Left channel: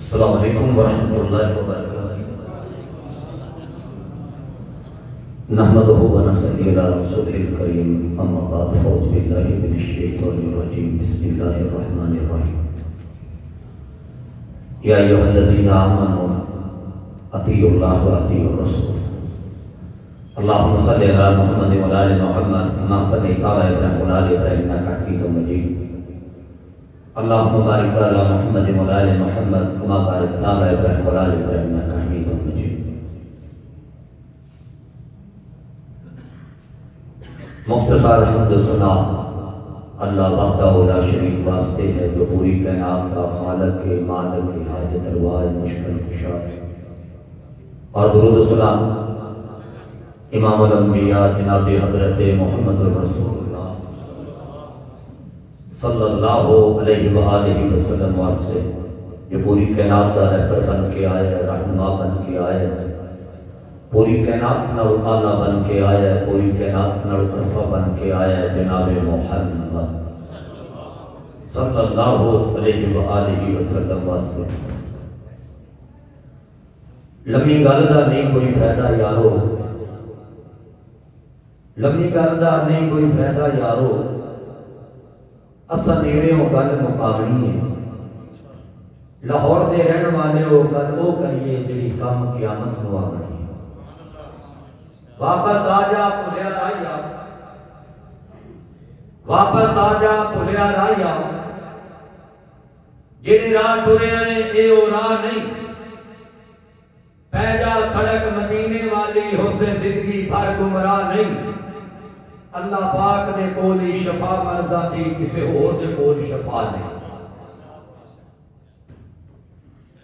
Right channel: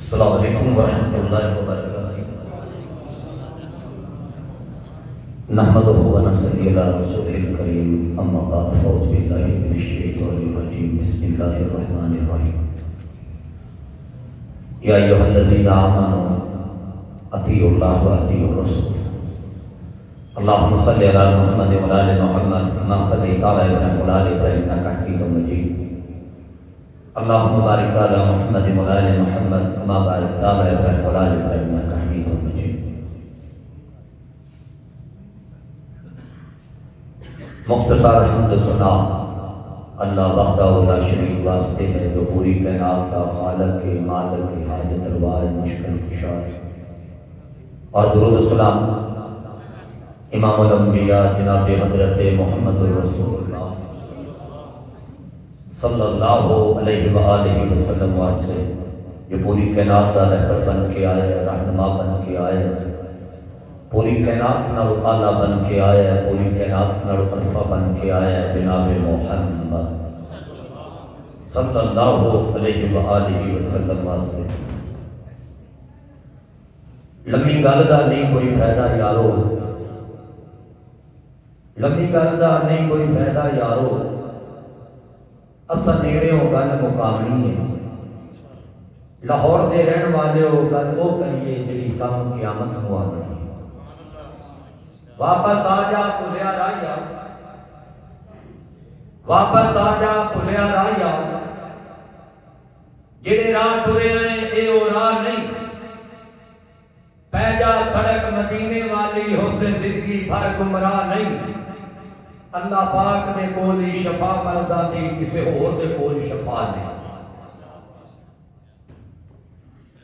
السلام علیکم ورحمۃ اللہ وبرکاتہ۔ نحمدہ ونصلی علی رسولہ الکریم، اما بعد فاعوذ باللہ من الشیطان الرجیم، بسم اللہ الرحمن الرحیم۔ یا ایھا الذین آمنوا اطیعوا اللہ واطیعوا الرسول، اللہم صلی علی محمد وعلی آل محمد کما صلیت علی ابراہیم وعلی آل ابراہیم انک حمید مجید، اللہم بارک علی محمد وعلی آل محمد کما بارکت علی ابراہیم وعلی آل ابراہیم انک حمید مجید۔ مختصر حمد و ثنا اللہ وحدہ لا شریک واسطے ہے، جو پوری کائنات کا خالق کے مالک کے حاجت روا مشکل کشا ہے، اور درود و سلام امام الانبیاء جناب حضرت محمد الرسول اللہ صلی اللہ علیہ وآلہ وسلم واسطے، جو پوری کائنات کا رہبر بن کے آئے، رہنما بن کے آئے، پوری کائنات نال آلہ بن کے آئے، پوری کائنات نال عرفہ بن کے آئے، جناب محمد صلی اللہ علیہ وآلہ وسلم واسطے۔ لمبی گل دا نہیں کوئی فائدہ یارو، لمبی گل دا نہیں کوئی فائدہ یارو، اسا نیڑے ہو گل مقامنی ہے، لاہور دے رہن والے ہو گل وہ کریے جڑی کام قیامت نو آنی ہے۔ واپس آ جا بھلیا راہیا، واپس آ جا بھلیا راہیا، جڑے راہ ٹرے ہیں اے او راہ نہیں، پہ جا سڑک مدینے والی ہو سے زندگی بھر گمراہ نہیں۔ اللہ پاک دے کولی شفا مرزا دی، کسے اور دے کول شفا نہیں۔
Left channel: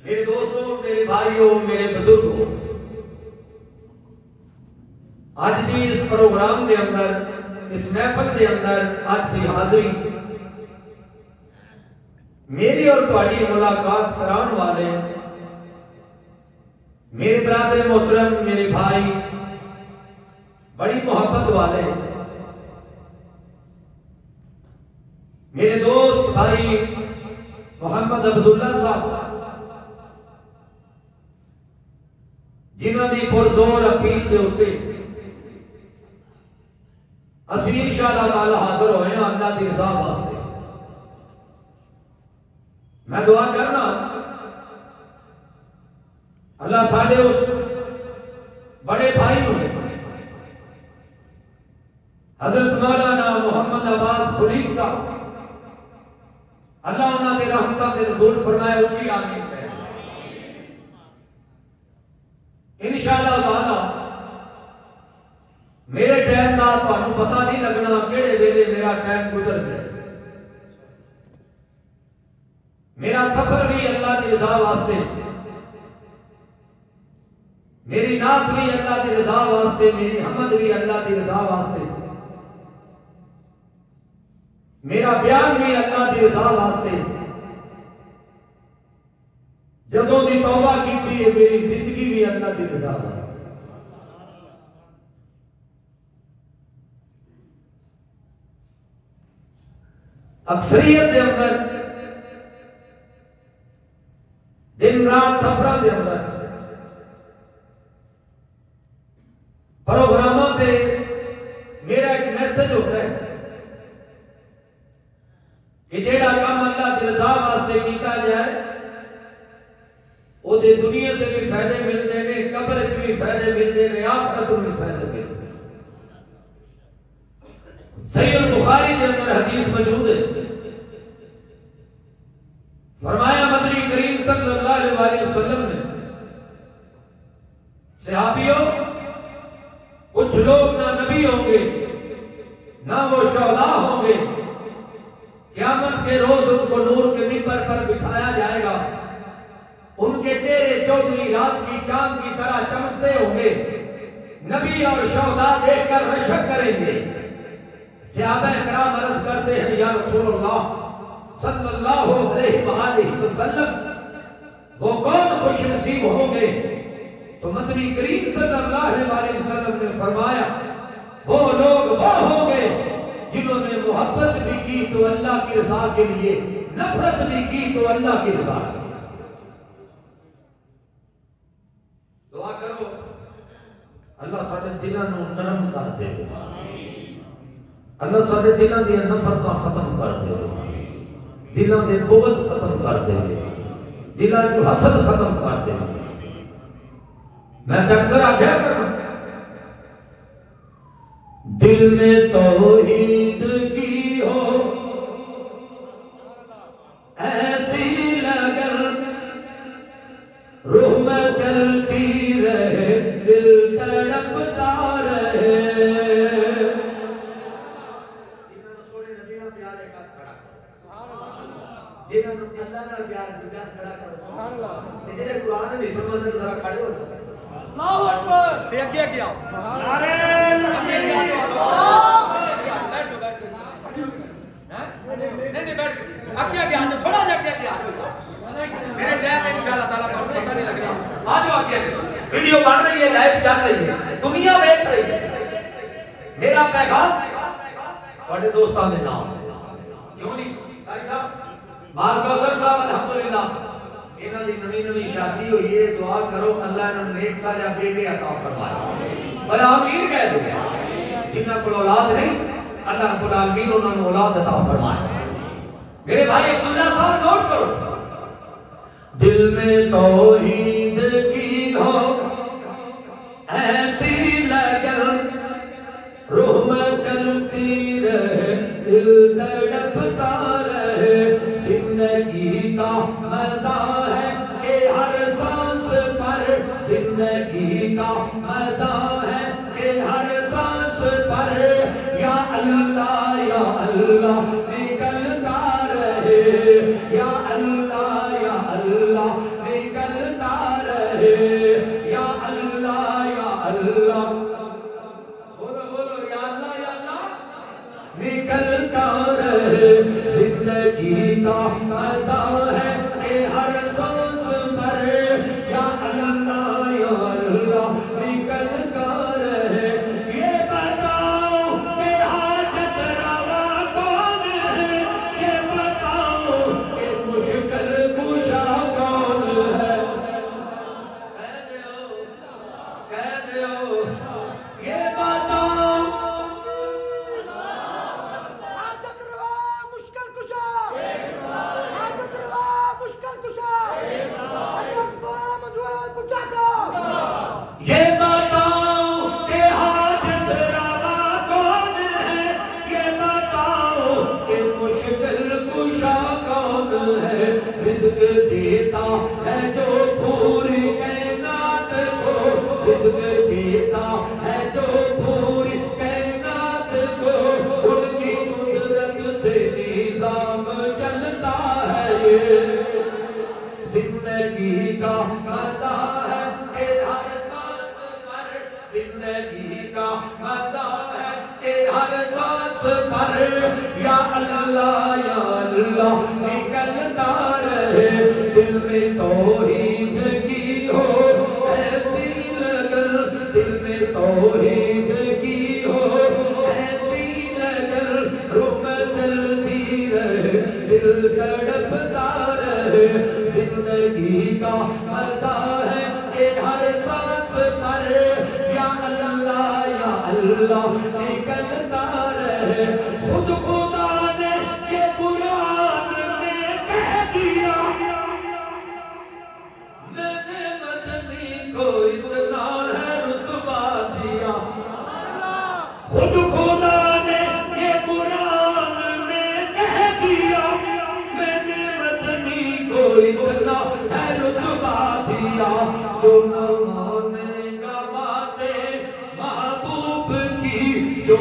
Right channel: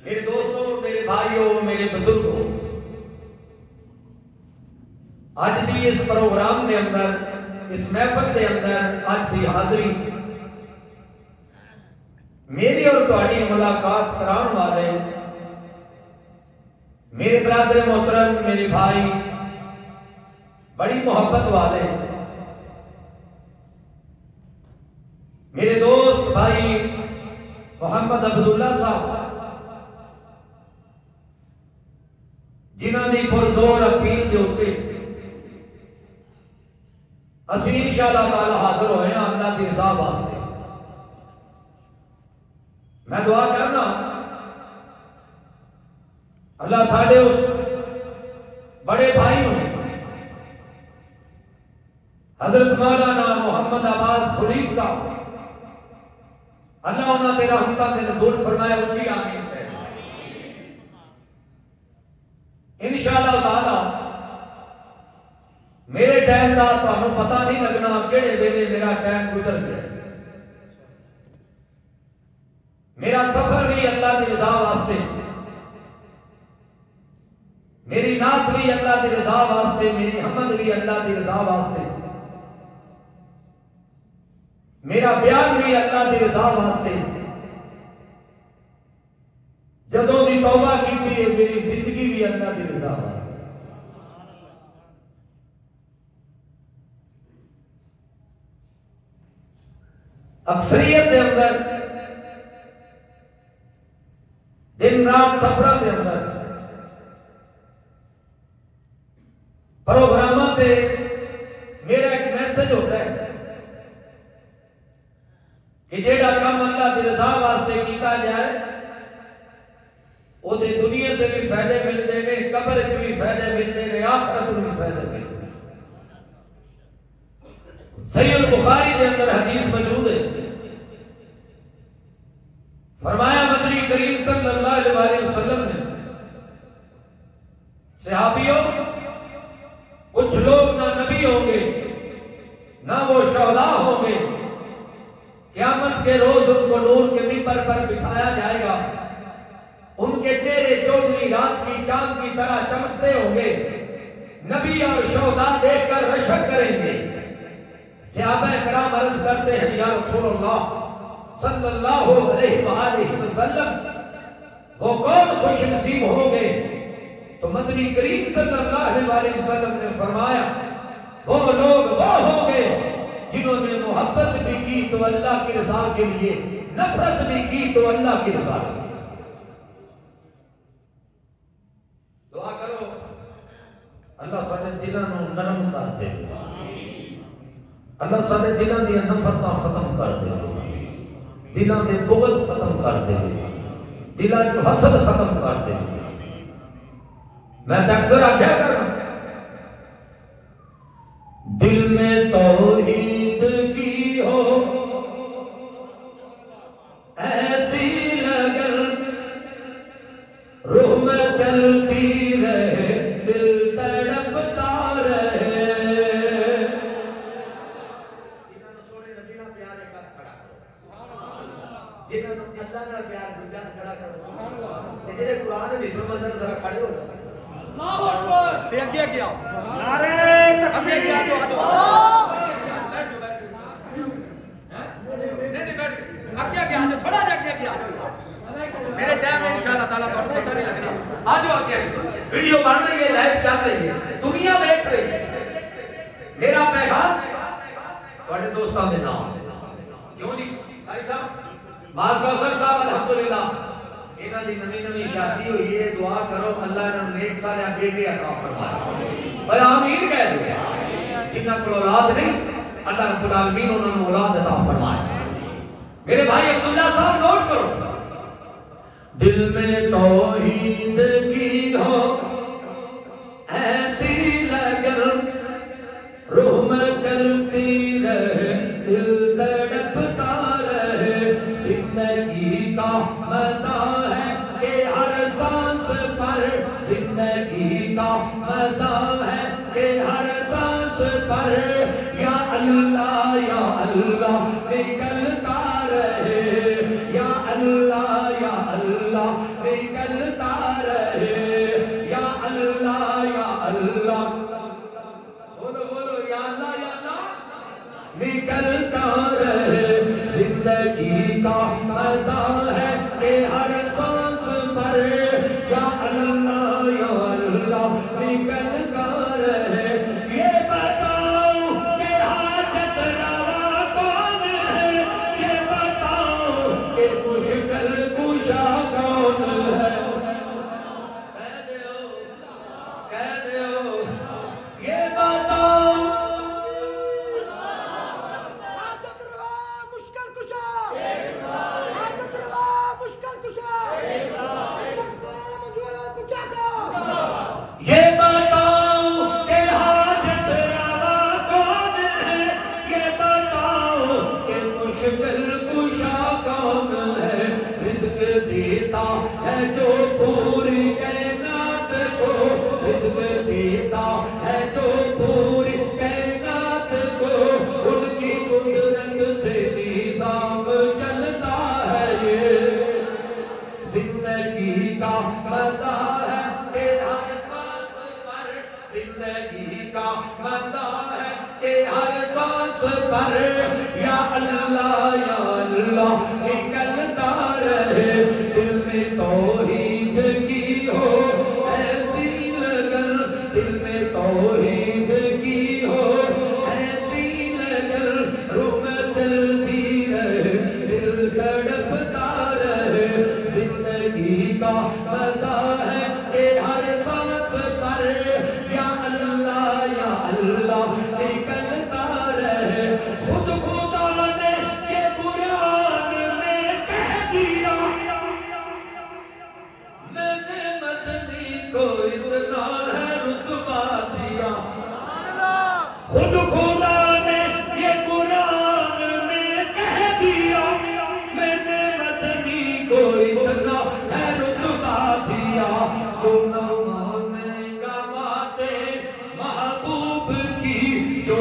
میرے دوستوں، میرے بھائیوں، میرے بزرگوں، آج دی اس پروگرام دے اندر، اس محفل دے اندر آج دی حاضری میری اور تہاڈی ملاقات کران والے میرے برادر محترم، میرے بھائی، بڑی محبت والے میرے دوست بھائی محمد عبداللہ صاحب، جنہاں دی پرزور اپیل دے ہوتے اسی انشاءاللہ تعالی حاضر ہوئے ہیں اللہ دی رضا واسطے۔ میں دعا کرنا اللہ ساڑھے اس بڑے بھائی نے حضرت مولانا محمد عباس خلیق صاحب، اللہ انہاں دے رحمتہ دے نزول فرمائے، اچھی آمین کہے۔ انشاءاللہ تعالی میرے ٹائم دا تانوں پتہ نہیں لگنا کیڑے ویلے میرا ٹائم گزر گیا۔ میرا سفر بھی اللہ دی رضا واسطے، میری نعت بھی اللہ دی رضا واسطے، میری حمد بھی اللہ دی رضا واسطے، میرا بیان بھی اللہ دی رضا واسطے۔ جدوں دی توبہ کیتی ہے میری زندگی بھی اللہ دی رضا واسطے۔ اکثریت دے اندر دن رات سفرہ دے اندر پروگرامہ پہ میرا ایک میسج ہوتا ہے کہ جیڑا کام اللہ دی رضا واسطے کیتا جائے وہ دے دنیا تے بھی فائدے ملتے ہیں، قبر تے بھی فائدے ملتے ہیں، آخرت میں بھی فائدے ملتے ہیں۔ صحیح البخاری کے اندر حدیث موجود ہے، فرمایا مدنی کریم صلی اللہ علیہ وسلم نے، صحابیوں کچھ لوگ نہ نبی ہوں گے نہ وہ شہداء ہوں گے، قیامت کے روز ان کو نور کے منبر پر بٹھایا جائے گا، ان کے چہرے 14ویں رات کی چاند کی طرح چمکتے ہوں گے، نبی اور شہداء دیکھ کر رشک کریں گے۔ صحابہ کرام عرض کرتے ہیں یا رسول اللہ صلی اللہ علیہ وآلہ وسلم وہ کون خوش نصیب ہوں گے؟ تو مدنی کریم صلی اللہ علیہ وسلم نے فرمایا وہ لوگ وہ ہوں گے جنہوں نے محبت بھی کی تو اللہ کی رضا کے لیے، نفرت بھی کی تو اللہ کی رضا کے لیے۔ دے اللہ سارے دلوں دیا نفرتاں ختم کر دے دلوں دے بغض ختم کر دے دلوں کو حسد ختم کر دے میں اکثر آخیا کروں دل میں توحید کی ہو ایسی لگن روح میں چلتی رہے دل تڑپتا رہے میرے ٹائم میں انشاءاللہ تعالیٰ پر پتہ نہیں لگنا آجو آگے ویڈیو بن رہی ہے لائف چل رہی ہے دنیا دیکھ رہی ہے میرا پیغام بڑے دوستان دے نام کیوں نہیں بھائی صاحب مار کوثر صاحب الحمدللہ انہاں دی نوی شادی ہوئی ہے دعا کرو اللہ نے نیک صالح بیٹے عطا فرمائے بھائی آمین کہہ دو جنہاں کو اولاد نہیں اللہ رب العالمین انہوں نے اولاد عطا فرمائے میرے بھائی عبداللہ صاحب نوٹ کرو دل میں توحید کی ہو ایسی لگن روح میں چلتی رہے دل تڑپتا رہے زندگی کا مزہ ہے کہ ہر سانس پر زندگی کا مزہ ہے کہ ہر سانس پر یا اللہ نکلتا رہے یا اللہ نکلتا رہے یا اللہ بولو بولو یا اللہ نکلتا رہے زندگی کا مزہ ہے کہ ہر سانس پر یا اللہ نکلتا رہے یہ بتاؤ کہ حاجت روا کون ہے یہ بتاؤ کہ مشکل کشا کون ہے کہہ دیو یہ بتاؤ حاجت روا مشکل کشا حاجت روا مشکل کشا یہ بتاؤ کہ حاجت روا کون ہے یہ بتاؤ کہ مشکل کشا کون ہے رزق دیتا ہے جو پوری کائنات کو رزق دیتا ہے جو پوری کائنات کو ان کی قدرت سے نظام چلتا ہے یہ زندگی کا مزہ ہے کہ ہر سانس پر زندگی کا مزہ ہے کہ ہر سانس پر یا اللہ نکلتا رہے دل میں توحید کی ہو ایسی لگن دل میں توحید کی ہو ایسی لگن روح میں چلتی رہے دل تڑپتا رہے زندگی کا مزہ ہے کہ ہر سانس پر یا اللہ نکلتا رہے خود خدا نے یہ قرآن میں کہہ دیا میں نے مدنی کو اتنا ہے رتبہ دیا خود خدا نے یہ قرآن میں کہہ دیا میں نے مدنی کو اتنا ہے رتبہ دیا تو نہ مانے گا باتیں محبوب کی جو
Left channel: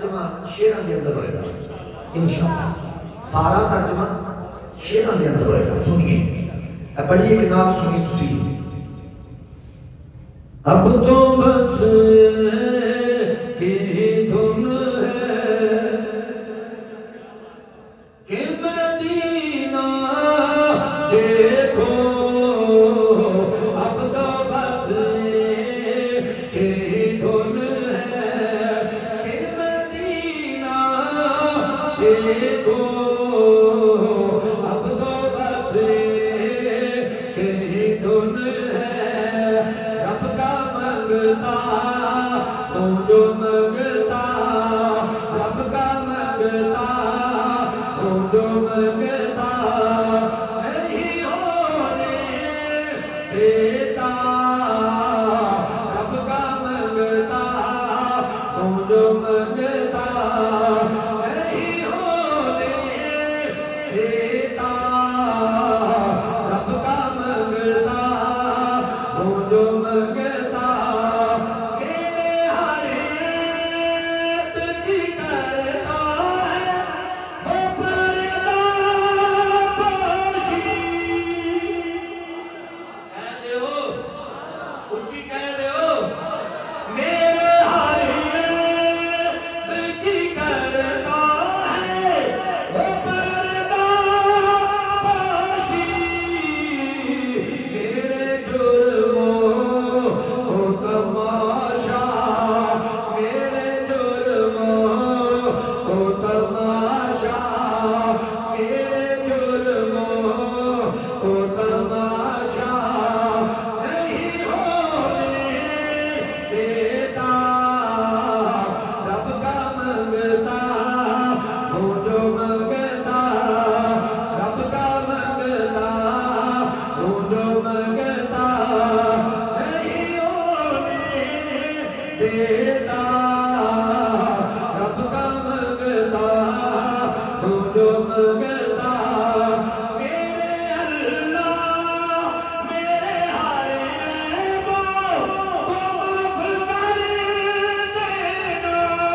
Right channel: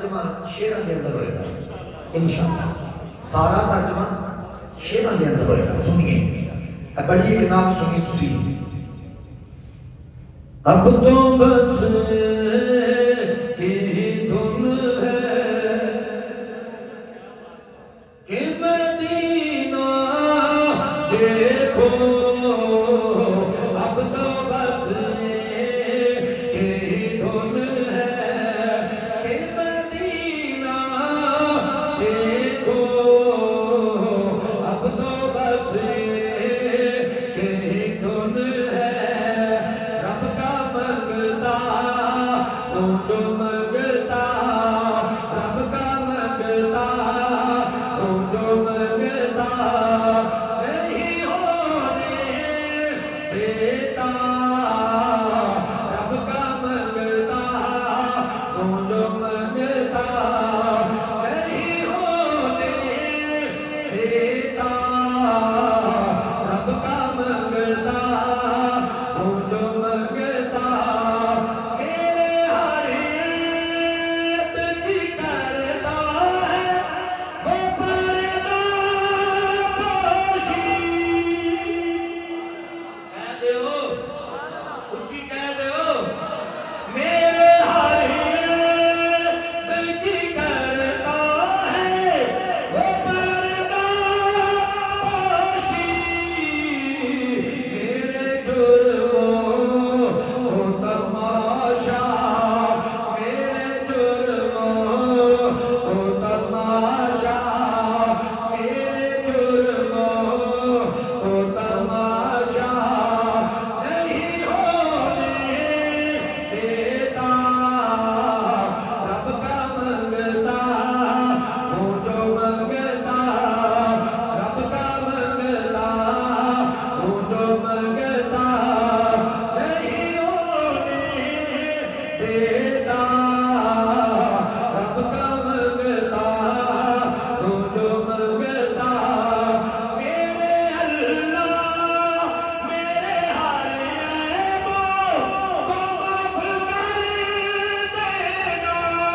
ترجمہ شیراں دے اندر ہوئے گا انشاءاللہ، سارا ترجمہ شیراں دے اندر ہوئے گا. سنیے بڑی ایک نام سنی تسی. اب تو بس کی دھن ہے کہ مدینہ دیکھو، اب تو بس کی دھن ہے کہ مدینہ دیکھو، اب تو بس کی دھن ہے. رب کا منگتا تو جو منگتا، رب کا منگتا تو جو منگتا نہیں ہونے دیتا. رب کا منگتا تو جو منگتا نہیں ہونے دیتا. رب کا منگتا تو جو منگتا میرے ہر ایک کی کرتا ہے وہ پردہ پوشی. کہہ دے ہو اونچی کہہ دے ہو میرے ہر ایک کی کرتا ہے وہ پردہ پوشی. میرے جرموں کو تماشا، میرے جرموں کو تماشا، میرے جرموں کو تماشا نہیں ہونے دیتا. رب کا منگتا تو جو منگتا، رب کا منگتا تو جو منگتا نہیں ہونے دیتا. رب کا منگتا تو جو منگتا میرے اللہ میرے ہر عیبوں کو معاف کر دینا.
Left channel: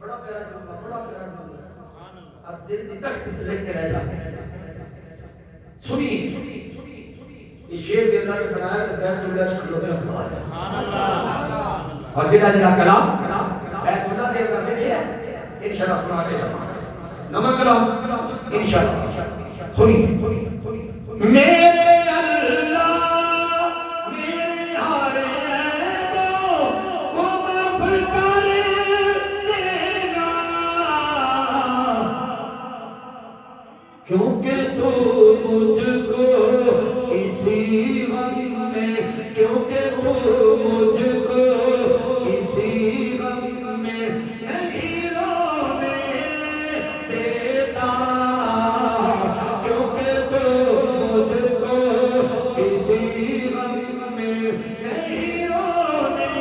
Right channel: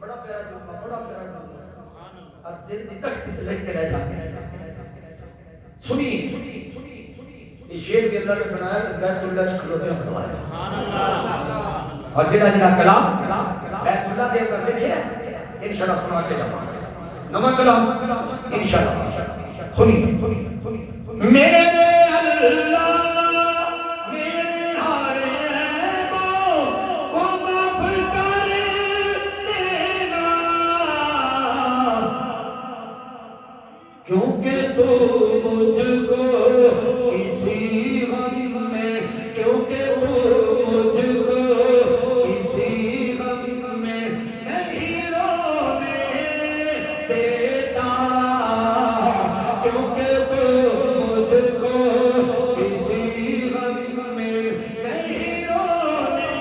بڑا پیارا جملہ، بڑا پیارا جملہ اور دل دی تخت لے کے رہ جاتے ہیں. سنیے یہ شیر کے اندر بنایا کہ بیت اللہ سے کھلوتے ہیں ہمارے اور جنہ جنہ کلام بیت اللہ دے اندر دیکھے انشاءاللہ سنا کے جاؤں نمہ کلام انشاءاللہ. سنیے میرے اللہ میرے ہر عیبوں کو معاف کر دینا، کیونکہ تو مجھ کو کسی غم میں، کیونکہ تو مجھ کو کسی غم میں نہیں رونے دیتا. کیونکہ تو مجھ کو کسی غم میں نہیں رونے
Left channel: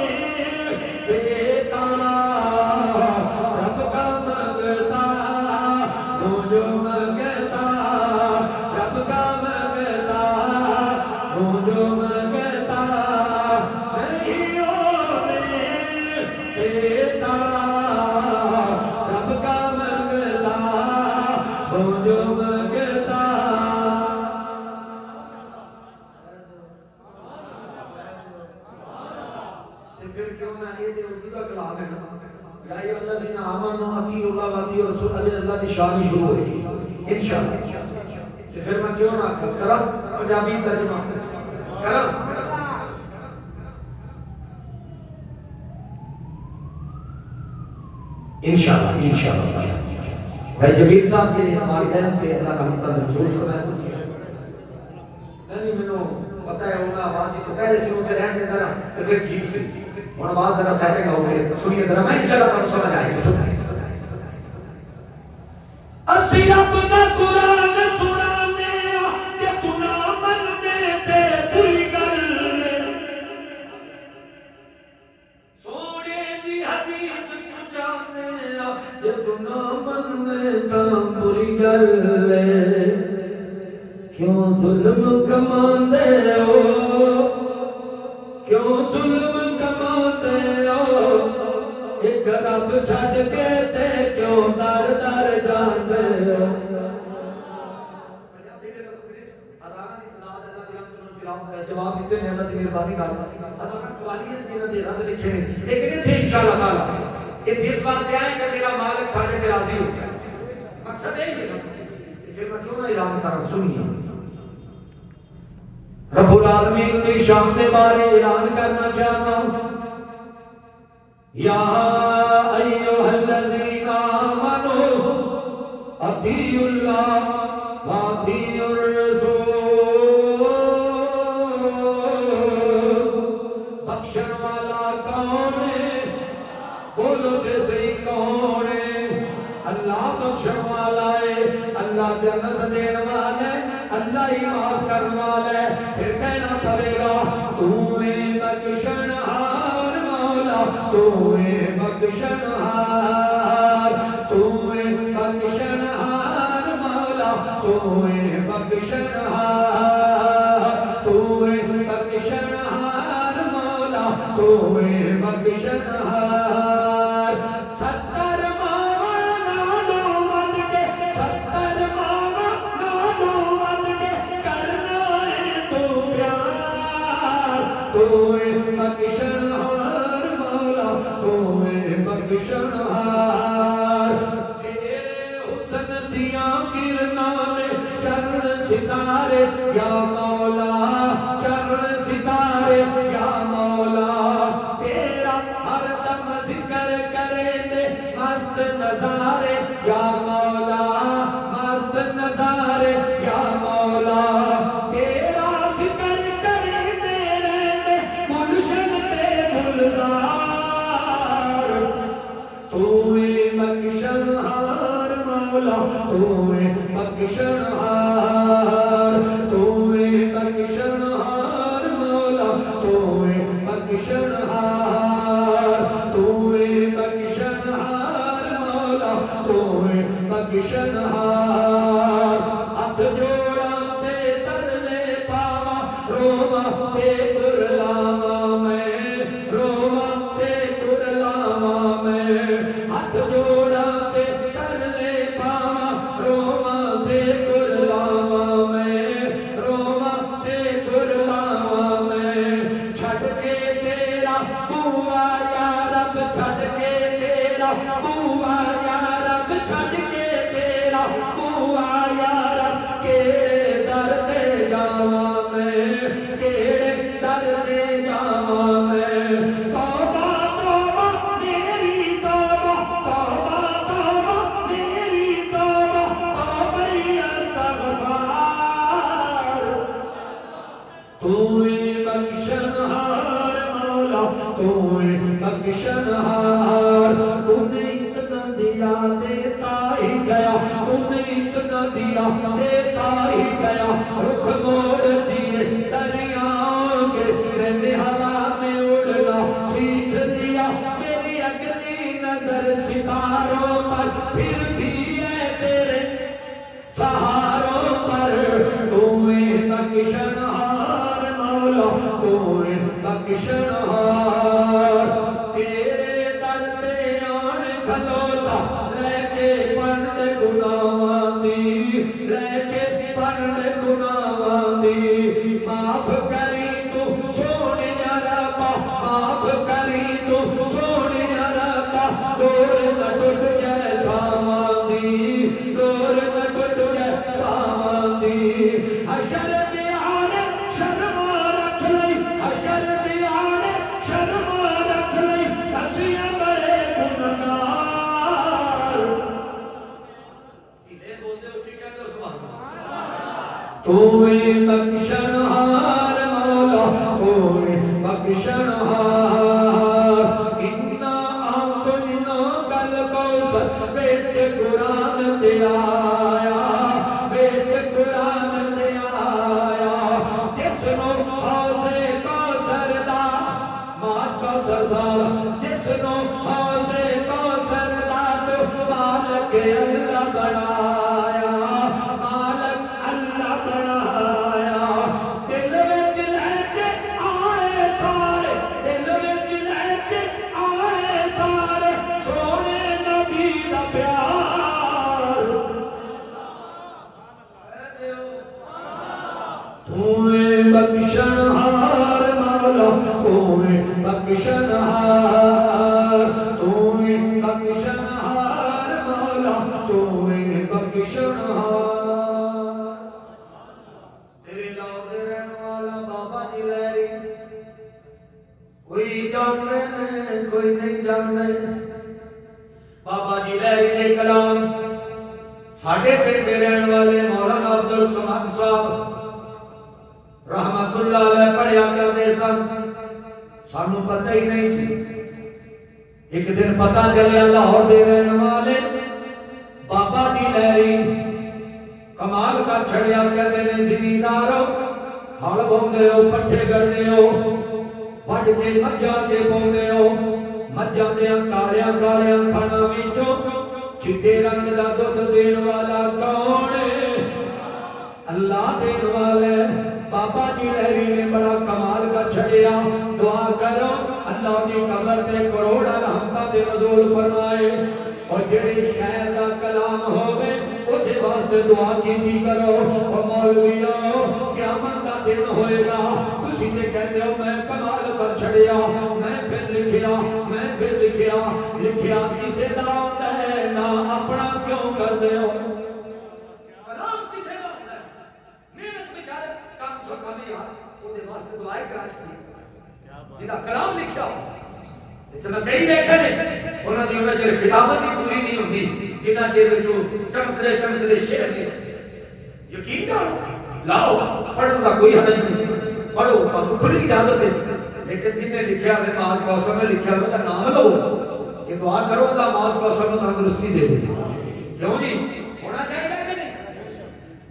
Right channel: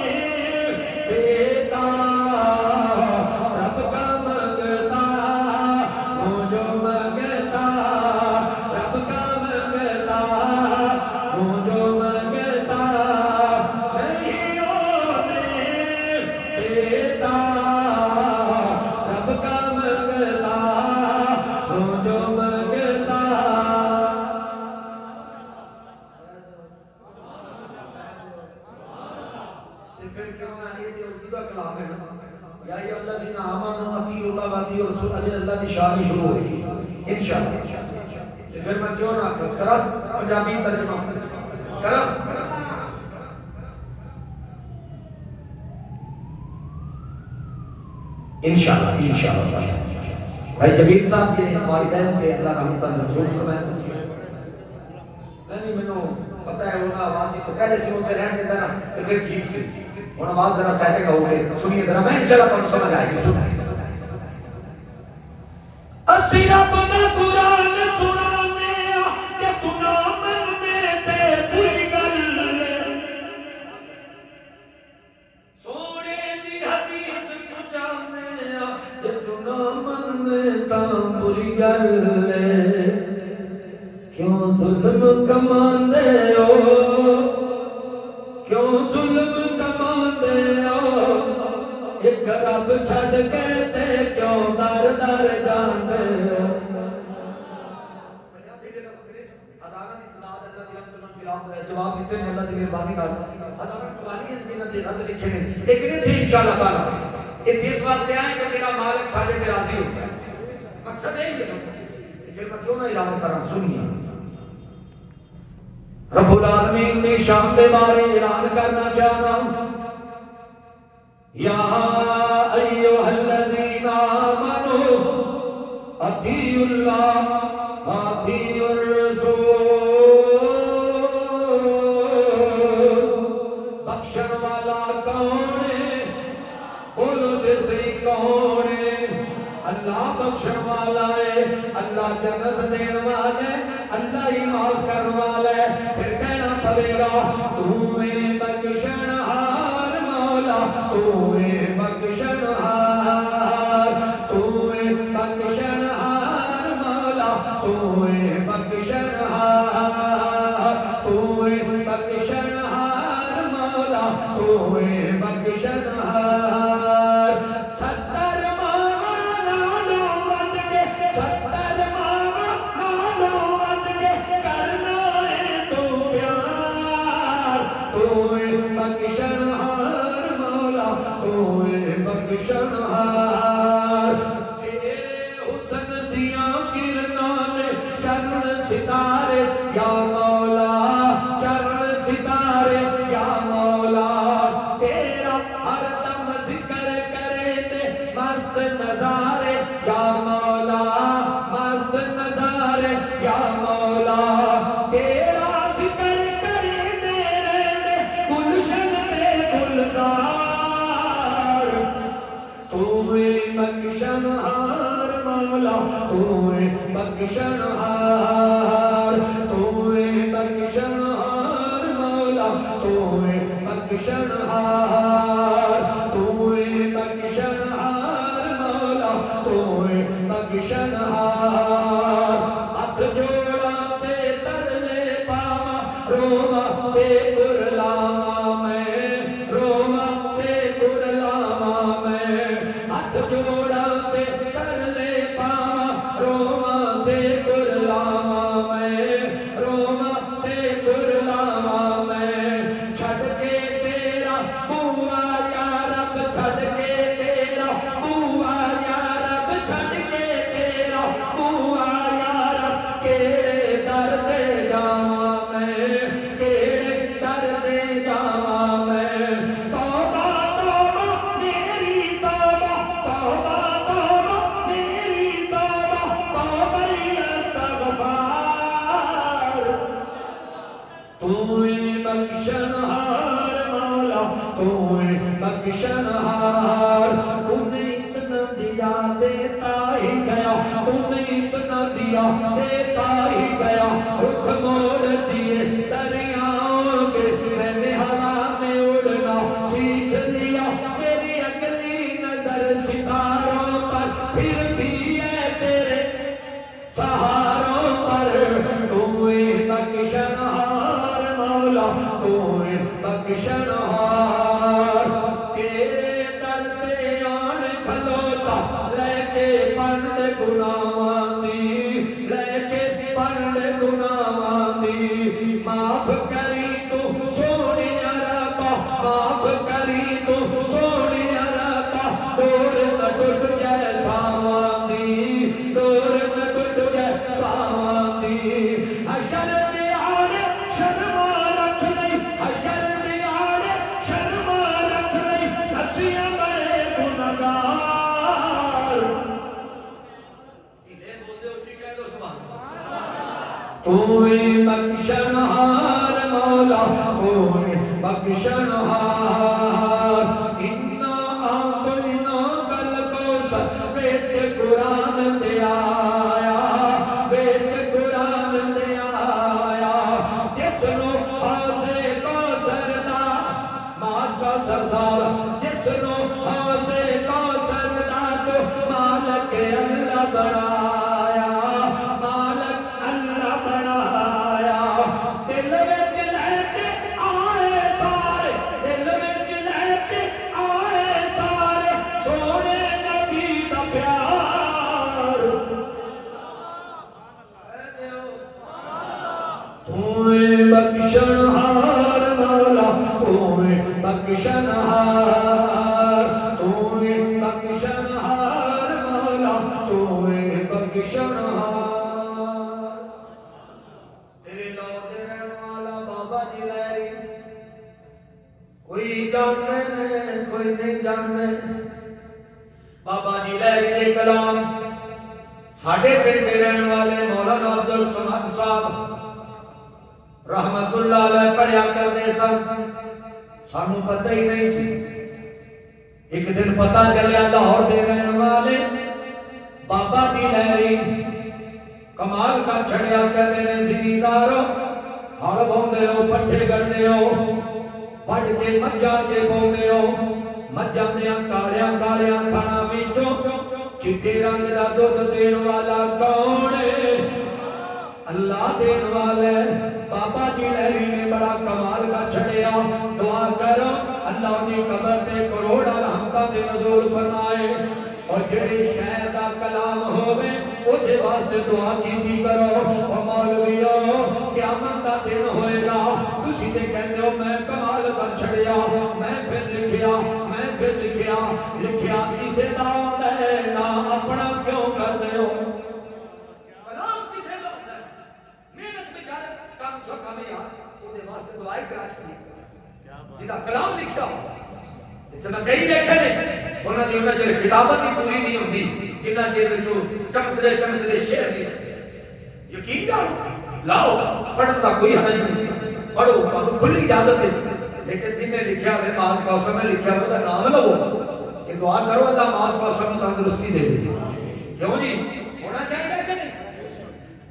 دیتا. رب کا منگتا وہ جو منگتا، رب کا منگتا وہ جو منگتا نہیں ہونے دیتا. رب کا منگتا وہ جو منگتا. پھر کیوں میں یہ اردو کا کلام ہے نا، یا ایھا الذین آمنوا اطیعوا اللہ واطیعوا الرسول، اللہ کی شان شروع ہوئے گی انشاءاللہ. پھر میں کیوں نہ کرا پنجابی ترجمہ کرا. انشاءاللہ انشاءاللہ. بھائی جبیر صاحب یہ ہماری ذہن کے اللہ رحمت اللہ ضرور فرمائے. نہیں میں پتہ ہے ان کا آواز تو پہلے سے ہوتے رہنے دینا تو پھر ٹھیک سے اور آواز ذرا سیٹے گا ہوگے. سنیے ذرا میں انشاءاللہ تم سمجھ آئے گی. سنیے اسی رب دا قرآن سنانے یا تو نہ مننے تے کوئی گل، سونے دی حدیث پہنچانے یا تو نہ مننے تا بری گل. کیوں ظلم کماندے ہو، کیوں ظلم چھڑ کے تے کیوں در در جاندے ہو جواب دیتے ہیں اللہ دی مہربانی نال حضرت قوالیت جنہاں دے رد لکھے نے لیکن یہ تھی انشاءاللہ تعالی یہ اس واسطے آئے کہ میرا مالک ساڑھے سے راضی ہو مقصد ہے یہ پھر میں کیوں نہ اعلان کرا سنیے رب العالمین کی شان دے بارے اعلان کرنا چاہتا ہوں یا ایھا الذین آمنوا اطیعوا اللہ واطیعوا الرسول بخشن والا کون ہے بولو دے صحیح کون ہے اللہ بخشن والا ہے اللہ جنت دین والا ہے اللہ ہی معاف کرنے والا ہے پھر کہنا پڑے گا تو بخشنہار مولا تو بخشنہار تو بخشنہار مولا تو بخشنہار تو بخشنہار مولا تو بخشنہار ستر ماما نانو ود کے ستر ماما نانو ود کے کرنا ہے تو پیار تو بخشنہار مولا تو بخشنہار تیرے حسن دیاں کرناں نے چند ستارے یا مولا چند ستارے یا مولا تیرا ہر دم ذکر کرے تے مست نظارے یا مولا مست نظارے یا مولا تیرا ذکر کرے تے رہتے گلشن تے گلزار تو بخشنہار مولا تو بخشنہار تو بخشنہار مولا تو بخشنہار تو بخشنہار مولا تو بخشنہار ہاتھ جوڑا تے ترلے پاوا روما تے کرلاما میں روما تے کرلاما میں ہاتھ جوڑا تے ترلے پاوا روما تے کرلاما میں روما تے کرلاما میں چھڑ کے تیرا بوا یا رب چھڑ کے تیرا بوا یا رب چھڑ کے تیرا بوا یا رب کیڑے در تے جاواں میں کیڑے در تے جاواں میں توبہ توبہ میری توبہ توبہ توبہ میری توبہ توبہ استغفار تو بخشنہار مولا تو بخشنہار تو نے اتنا دیا دیتا ہی گیا تو نے اتنا دیا دیتا ہی گیا رخ موڑ دیے دریاؤں کے میں نے ہوا میں اڑنا سیکھ لیا میری اگلی نظر ستاروں پر پھر بھی ہے تیرے سہاروں پر تو بخشنہار مولا تو بخشنہار تیرے در تے آن کھلوتا لے کے پرد گناہاں دی لے کے پرد گناہاں دی معاف کری تو سونیا ربا معاف کری تو سونیا ربا دور نہ ٹوٹ جائے ساواں دی دور نہ ٹوٹ جائے ساواں دی حشر دے آڑے شرما رکھ لئی حشر دے آڑے شرما رکھ لئی نسیاں بڑے گناہگار لے بول دے اچھی کہہ دو سبحان تو بخشنہار مولا تو بخشنہار انا آتینا کل کوثر بیچ قرآن دے آیا بیچ قرآن دے آیا جس نو حوضے کوثر دا ماج کوثر سارا جس نو حوضے کوثر دا تو مالک اللہ بنایا مالک اللہ بنایا دل وچ لے کے آئے سارے دل وچ لے کے آئے سارے سونے جانتے بابا جی لہری دے کلام ساڈے پنڈ رہن والے مولانا عبد الصمد صاحب رحمت اللہ علیہ پڑھیا کرتے سن سانو پتہ ہی نہیں سی ایک دن پتہ چلیا لاہور دے رہن والے بابا جی لہری کمال کا چھڑیا کہتے ہیں زمیندارو ہل بوندے ہو پٹھے گڑنے ہو وڈ کے مجھاں کے بوندے ہو مجھاں دیاں کالیاں کالیاں تھانا وچوں چٹے رنگ دا دودھ دین والا کون ہے اللہ دین والے بابا جی لہری نے بڑا کمال کا چھڑیا دعا کرو اللہ دی قبر تے کروڑا رحمتاں دے نزول فرمائے اور جڑی شہر دا کلام ہووے اودے واسطے دعا کیتی کرو او مولویو قیامت دا دن ہوئے گا تسی تے کہتے ہو میں کمال کا چھڑیا میں پھر لکھیا لکھیا کسے دا ہوندا ہے نہ اپنا کیوں کر دے ہو کلام کسے دا ہوندا ہے محنت بیچارے کم سو کم یار اودے واسطے دعائیں کرا چھڑی جدا کلام لکھیا ہو چلا کئی بیٹھے نے انہاں دی وجہ خطابت ہی پوری نہیں ہوندی جنہاں دے وچوں چمکدے شعر دی یقین کرو لاؤ پڑھن دا کوئی حرج نہیں پڑھو اب کھلی اجازت ہے لیکن جن نے لکھیا ہے ماس کوثر نے لکھیا ہے تو نام لو یہ دعا کرو اللہ ماس کوثر کو تندرستی دے دے کیوں جی ہونا چاہیے کہ نہیں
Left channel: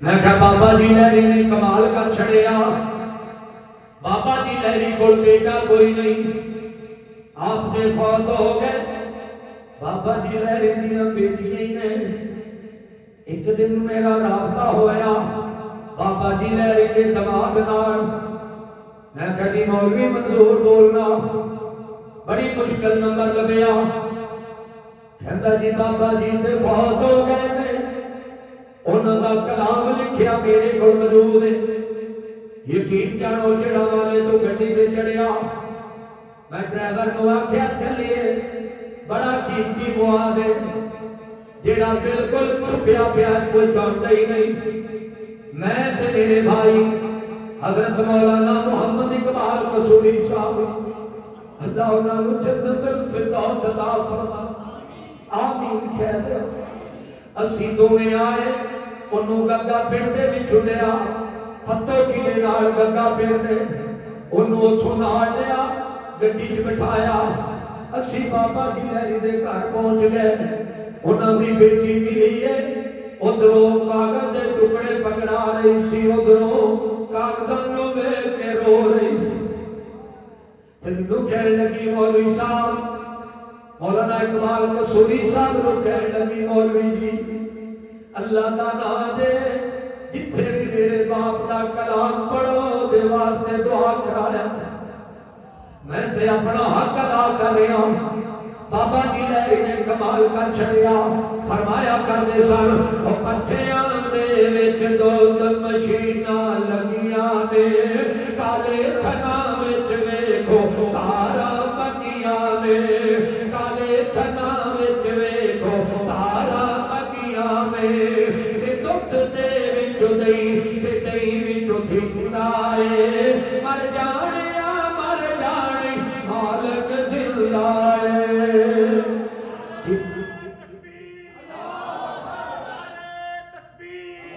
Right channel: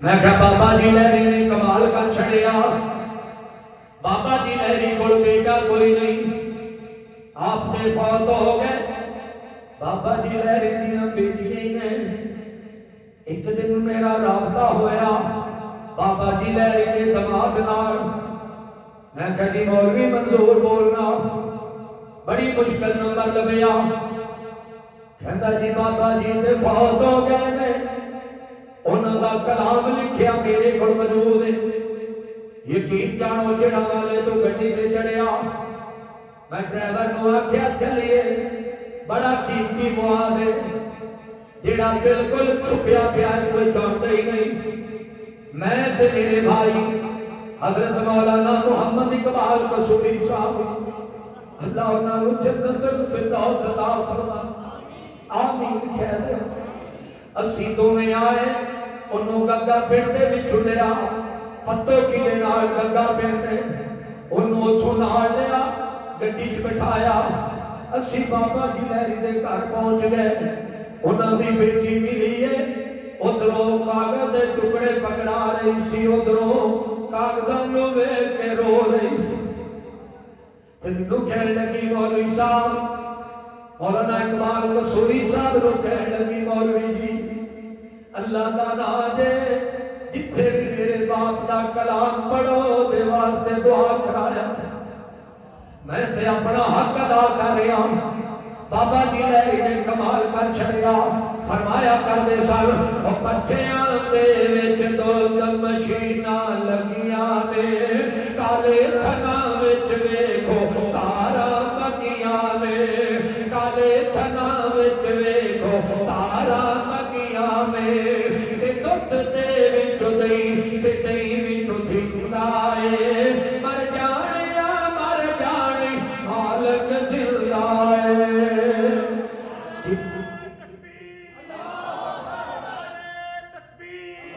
میں کہا بابا جی لہری نے کمال کا چھڑیا بابا جی لہری کول بیٹا کوئی نہیں آپ دے فوت ہو گئے بابا جی لہری دیاں بیٹیاں نے ایک دن میرا رابطہ ہویا بابا جی لہری کے دماغ نال میں کہتی مولوی منظور بولنا بڑی مشکل نمبر لبیا کہندا جی بابا جی تے فوت ہو گئے نے انہاں دا کلام لکھیا میرے کول موجود ہے یقین جانو جڑا والے تو گڈی تے چڑھیا میں ڈرائیور کو آکھیا چلیے بڑا قیمتی مواد ہے جڑا بالکل چھپیا پیا کوئی جانتا ہی نہیں میں تے میرے بھائی حضرت مولانا محمد اقبال قصوری صاحب اللہ انہاں نو جنت الفردوس عطا فرما آمین کہہ دے اسی دوویں آئے انہوں گنگا پنڈ دے وچ لیا پتو کینے نال گنگا پنڈ دے انہوں اتھوں نال لیا گڈی چ بٹھایا اسی بابا جی لہری دے گھر پہنچ گئے انہاں دی بیٹی ملی ہے ادھروں کاغذ دے ٹکڑے پکڑا رہی سی ادھروں کاغذاں نوں ویکھ کے رو رہی سی تے مینوں کہن لگی مولوی صاحب مولانا اقبال قصوری صاحب نوں کہن لگی مولوی جی اللہ دا نام دے جتھے بھی میرے باپ دا کلام پڑھو دے واسطے دعا کرایا میں تے اپنا حق ادا کر رہا ہوں بابا جی لہری نے کمال کر چھڑیا فرمایا کردے سن او پٹھیاں دے وچ دو مشیناں لگیاں نے کالے تھنا وچ ویکھو تاراں بگیاں نے کالے تھنا وچ ویکھو تاراں بگیاں نے تے دودھ دے وچ دہی تے دہی وچ دھندا اے مر جانے مالک دلائے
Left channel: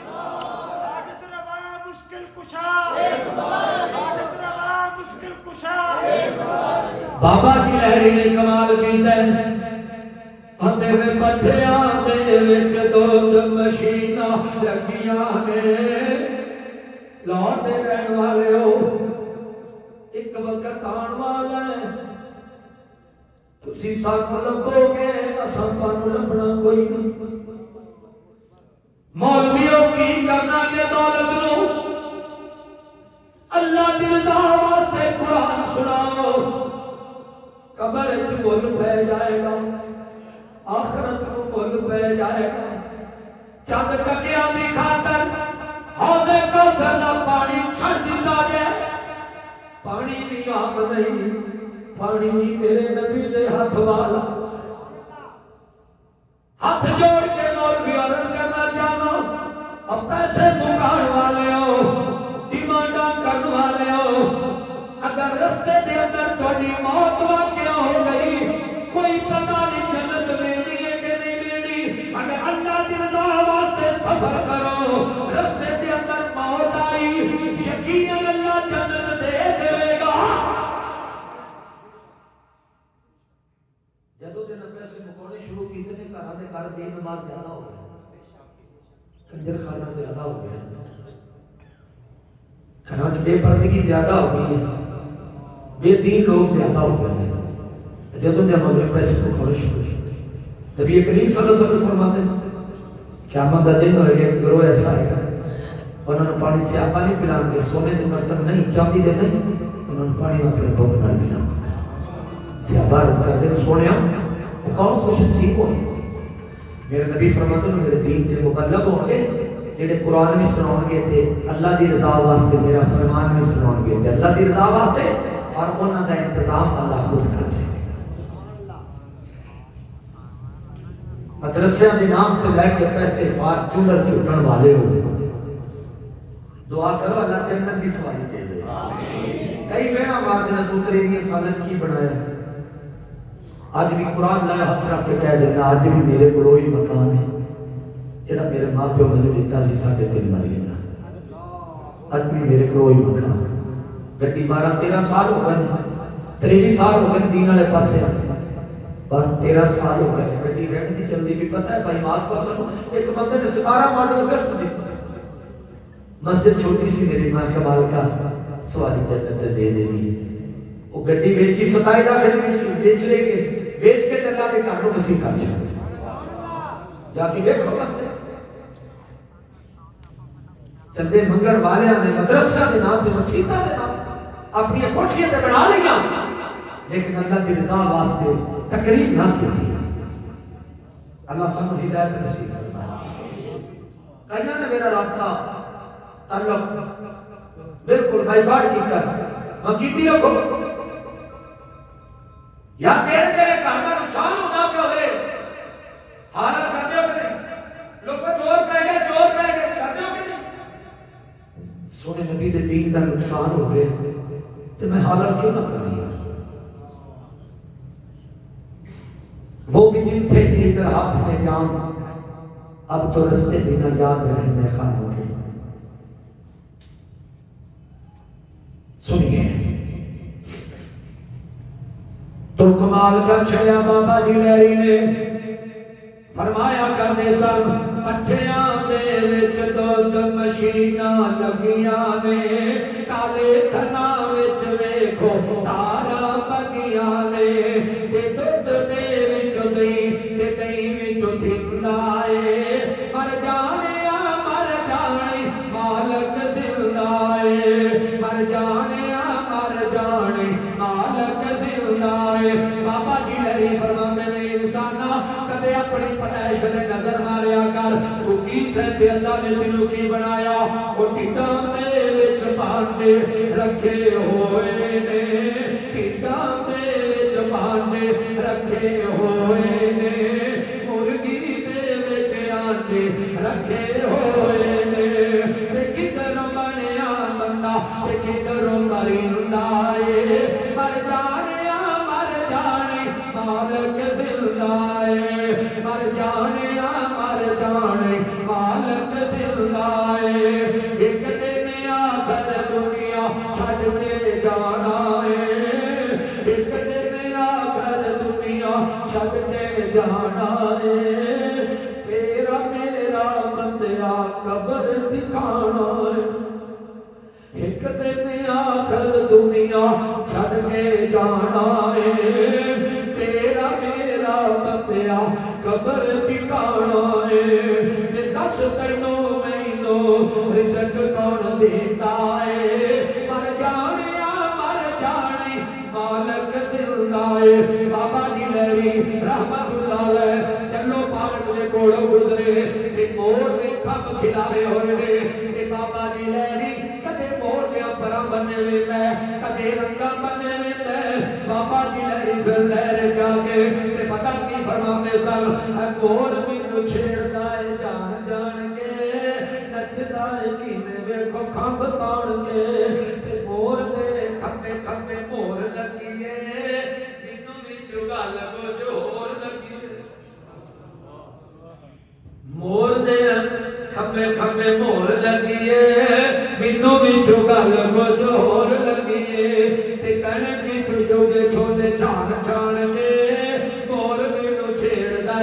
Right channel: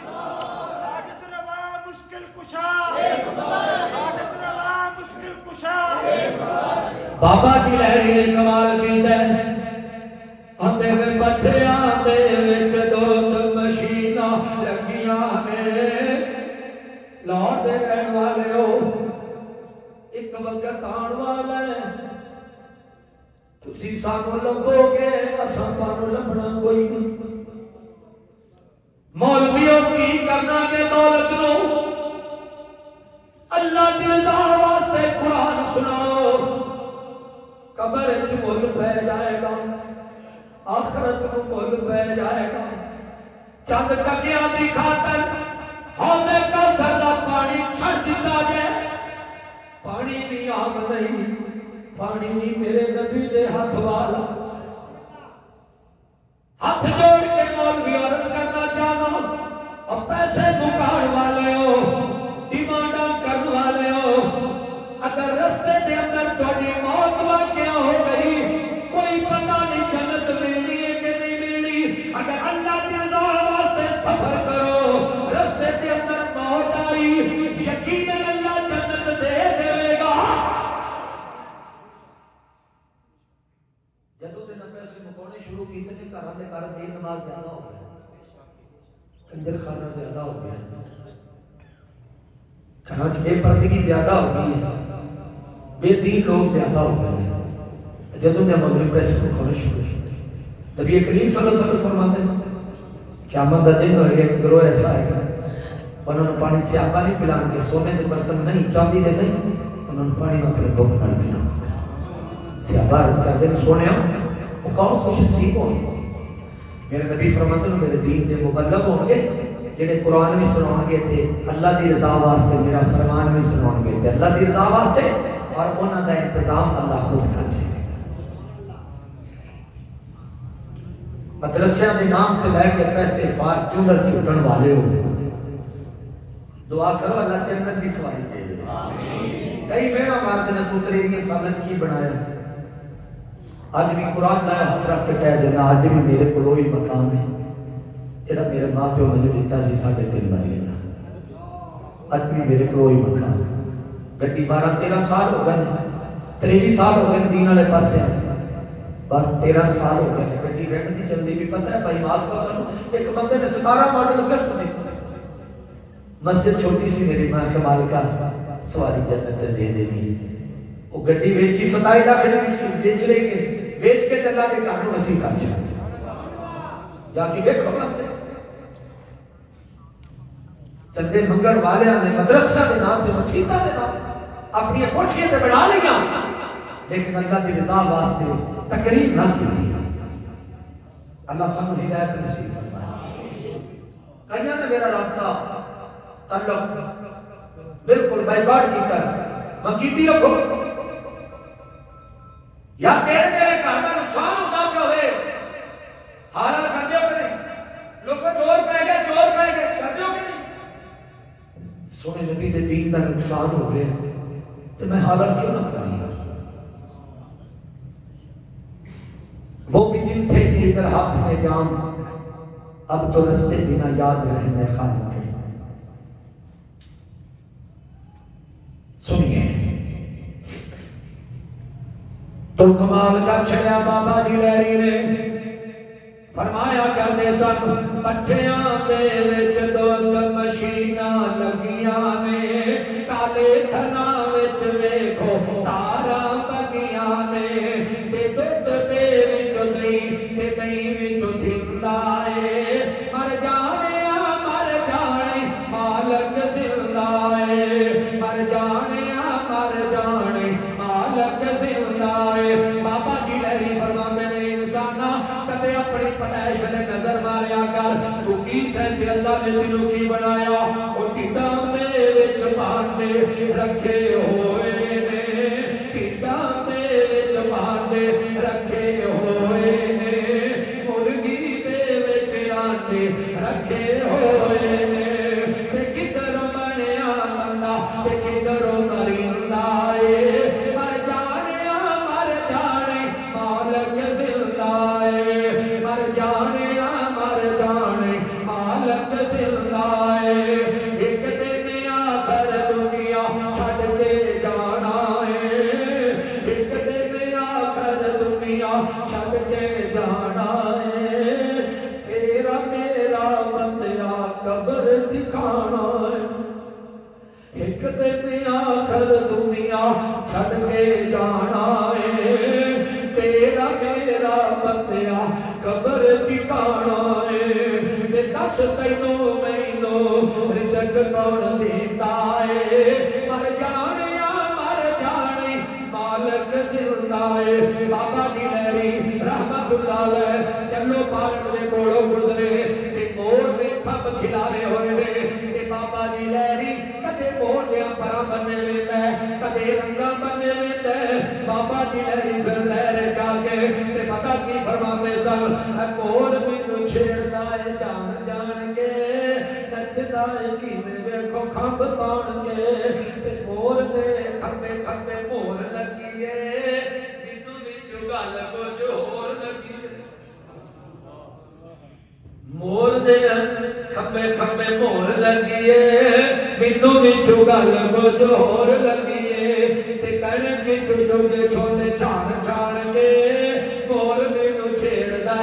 حاجت روا مشکل کشا حاجت روا مشکل کشا بابا جی لہری نے کمال کیتا ہے اندے میں پٹھیاں دے وچ دو مشیناں لگیاں نے لاہور دے رہن والے ہو ایک وقت آن والا ہے تسی سانو لبو گے اساں تانوں لبنا کوئی نہیں مولویوں کی کرنا گے دولت نو اللہ دی رضا واسطے قرآن سناؤ قبر وچ مل پہ جائے گا آخرت نو مل پہ جائے گا چند ٹکیاں دی خاطر حوض کوثر دا پانی چھڑ دتا جائے پانی بھی آب نہیں پانی بھی میرے نبی دے ہاتھ والا ہاتھ جوڑ کے مولوی عرض کرنا چاہنا اب پیسے مکاڑ والے ہو ڈیمانڈا کرنے والے ہو اگر رستے دے اندر تھوڑی موت واقع ہو گئی کوئی شروع کیتے ہیں گھراں دے گھر بے نماز زیادہ ہو گیا کنجر خانہ زیادہ ہو گیا گھراں بے پردگی زیادہ ہو گئی ہے بے دین لوگ زیادہ ہو گئے ہیں جدوں دے مغرب پیسے کو خرش ہو نبی کریم صلی اللہ علیہ وسلم فرماتے ہیں قیامت کا دن ہوئے ایک گروہ ایسا ہے انہوں نے پانی سے آقا نہیں پلان کے سونے سے برتن نہیں چاندی دے نہیں انہوں نے پانی میں اپنے بھوک نہ ملا سیابہ عرض کر دیں سونے ہوں وہ کون خوش نصیب ہوں میرے نبی فرماتے ہیں میرے دین کے مبلغ ہوں گے جڑے قرآن بھی سناؤں گے تھے اللہ دی رضا واسطے میرا فرمان بھی سناؤں گے تھے اللہ دی رضا واسطے اور انہوں کا انتظام اللہ خود کرتے ہیں مدرسے کے نام پہ لے کے پیسے فارچونر چھٹن والے ہو دعا کرو اللہ جنت کی سواری دے دے کئی مہینہ مارتے نے پتری نہیں ثابت کی بنایا آج بھی قرآن لائے ہاتھ رکھ کے کہہ دینا آج بھی میرے کو وہی مکان ہے جڑا میرے ماں پیو میں نے دیتا سی 3.5 مریے آج بھی میرے کو وہی مکان گڈی 12-13 سال ہو گئے 23 سال ہو گئے دین والے پاسے پر 13 سال ہو گئے گڈی رینٹ کی چلتی بھی پتہ ہے بھائی ماس پاسوں ایک بندے نے 17 ماڈل گرفت دی مسجد چھوٹی سی میری ماں کمال کا سواری جنت دے دینی وہ گڈی بیچی 27 لاکھ بیچ لے کے بیچ کے اللہ کے کاروں نصیب کر چکے جا کے دیکھو چندے منگل والے نے مدرسہ کے نام سے مسیحا کے نام اپنی کوٹھیاں تے بنا لیا لیکن اللہ کی رضا واسطے تقریر نہ کی اللہ سب ہدایت نصیب فرمائے کہیا نے میرا رابطہ تعلق بالکل بائیکاٹ کی کر میں کیتی رکھو یا تیرے گھر کا نقصان ہوتا پہ ہوئے حالات کر دیو کہ نہیں لوگوں چور پہ گئے کر دیو کہ نہیں سونے نبی دے دین کا نقصان ہو گئے تو میں حالات کیوں نہ کر رہی وہ بھی دن تھے کہ ادھر ہاتھ میں جام اب تو رستے دینا یاد رہے میں خانوں کے سنیے تو کمال کا چھڑیا بابا جی لہری نے فرمایا کرنے سن پٹھیاں دے وچ دو مشیناں لگیاں نے کالے تھنا وچ ویکھو تارا بگیاں نے تے دودھ دے وچ دئی تے دئی وچ دھلائے مر جانے مالک دلائے مر جانے مالک دلائے بابا جی لہری فرماندے نے انسانا کدے اپنی پیدائش نے نظر ماریا کر تو کی سمجھے اللہ نے تینوں کی بنایا وہ ٹھڈاں دے وچ بھانڈے رکھے ہوئے نے ٹھڈاں دے وچ بھانڈے رکھے ہوئے نے مرغی دے وچ آنڈے رکھے ہوئے نے تے کدھر بنیا بندہ تے کدھر مریندا اے مر جانے مالک دلائے مر جانے مالک دلائے ایک دن آخر دنیا چھڑ کے جانا ہے ایک دن آخر دنیا چھڑ کے جانا ہے تیرا میرا بندیا قبر دکھانا ہے ایک دن آخر دنیا چھڑ کے جانا ہے تیرا میرا بندیا قبر ٹھکانا ہے تے دس تینوں مینوں رزق کون دیتا ہے مر جانے مالک دلائے بابا جی لہری رحمت اللہ علیہ جلو پارک دے کولوں گزرے تے مور نے کھب کھلارے ہوئے نے تے بابا جی لہری کدے مور دے پراں بننے ویندا ہے کدے رنگا بننے ویندا ہے بابا جی لہری پھر لہر جا کے تے پتہ کی فرماندے سن مور مینوں چھیڑدا ہے جان کے نچدا ہے کیویں ویکھو کھمب تاڑ کے تے مور دے کھمبے کھمبے مور لگیے مینوں وچ گل کچھ ہور لگیے مور دے کھمبے کھمبے مور لگیے مینوں وچ گل کچھ ہور لگیے تے کہنے کی چوگے چھوڑے چھان چھان کے مور مینوں چھیڑدا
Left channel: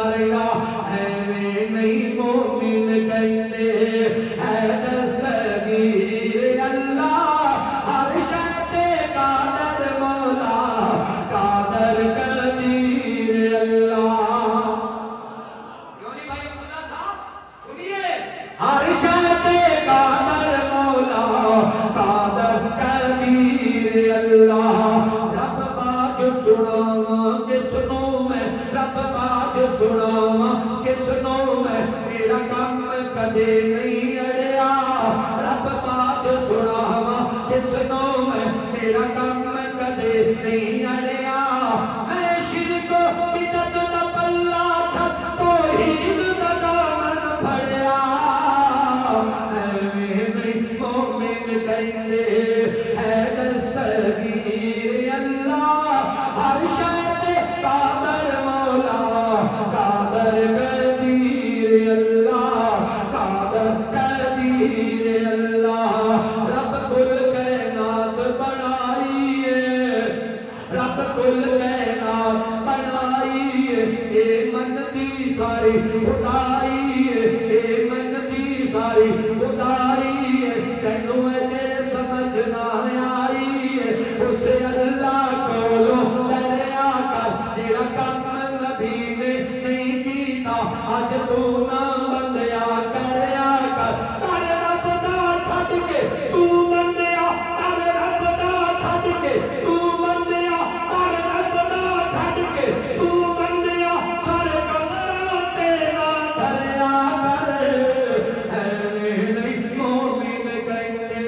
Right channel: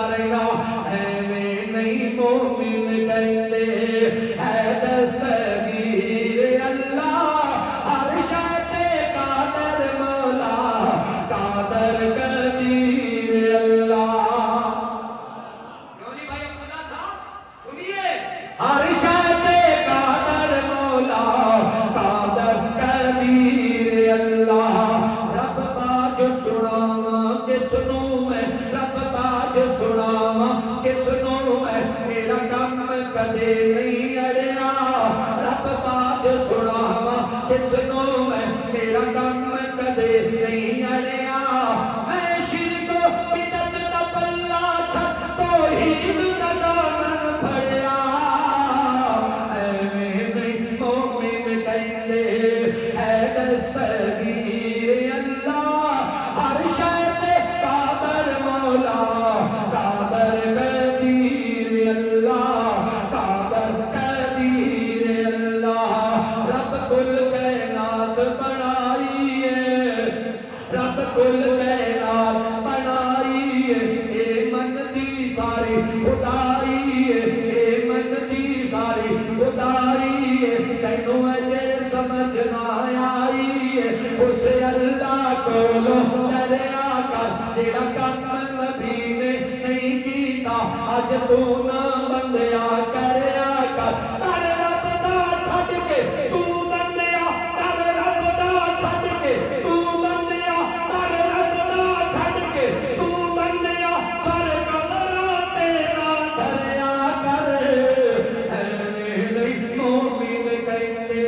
سنتا رہنا ایویں نہیں مومن کہندے ہے دستگیر اللہ ہر شے تے قادر مولا قادر قدیر اللہ بھائی عبداللہ صاحب سنیے ہر شے تے قادر مولا قادر قدیر اللہ رب باج سناواں کس نوں میں رب باج سناواں کس نوں میں میرا کم کدے نہیں اڑیا رب باج سناواں کس نوں میں میرا کم کدے نہیں اڑیا میں شرک بدعت دا پلہ چھڈ توحید دا دامن پھڑیا ایویں نہیں مومن کہندے ہے دستگیر اللہ ہر شے تے قادر مولا قادر قدیر اللہ قادر قدیر اللہ رب کل کائنات بنائی ہے رب کل کائنات بنائی ہے اے من دی ساری خدائی ہے اے من دی ساری خدائی ہے تینوں اجے سمجھ نہ آئی ہے اس اللہ کولوں ڈریا کر تیرا کم نبی نے نہیں کیتا اج تو نہ بندیا کریا کر در رب دا چھڈ کے تو بندیا در رب دا چھڈ کے تو بندیا در رب دا چھڈ کے تو بندیا سارے کمراں تے نہ ڈریا کر ایویں نہیں مومن کہندے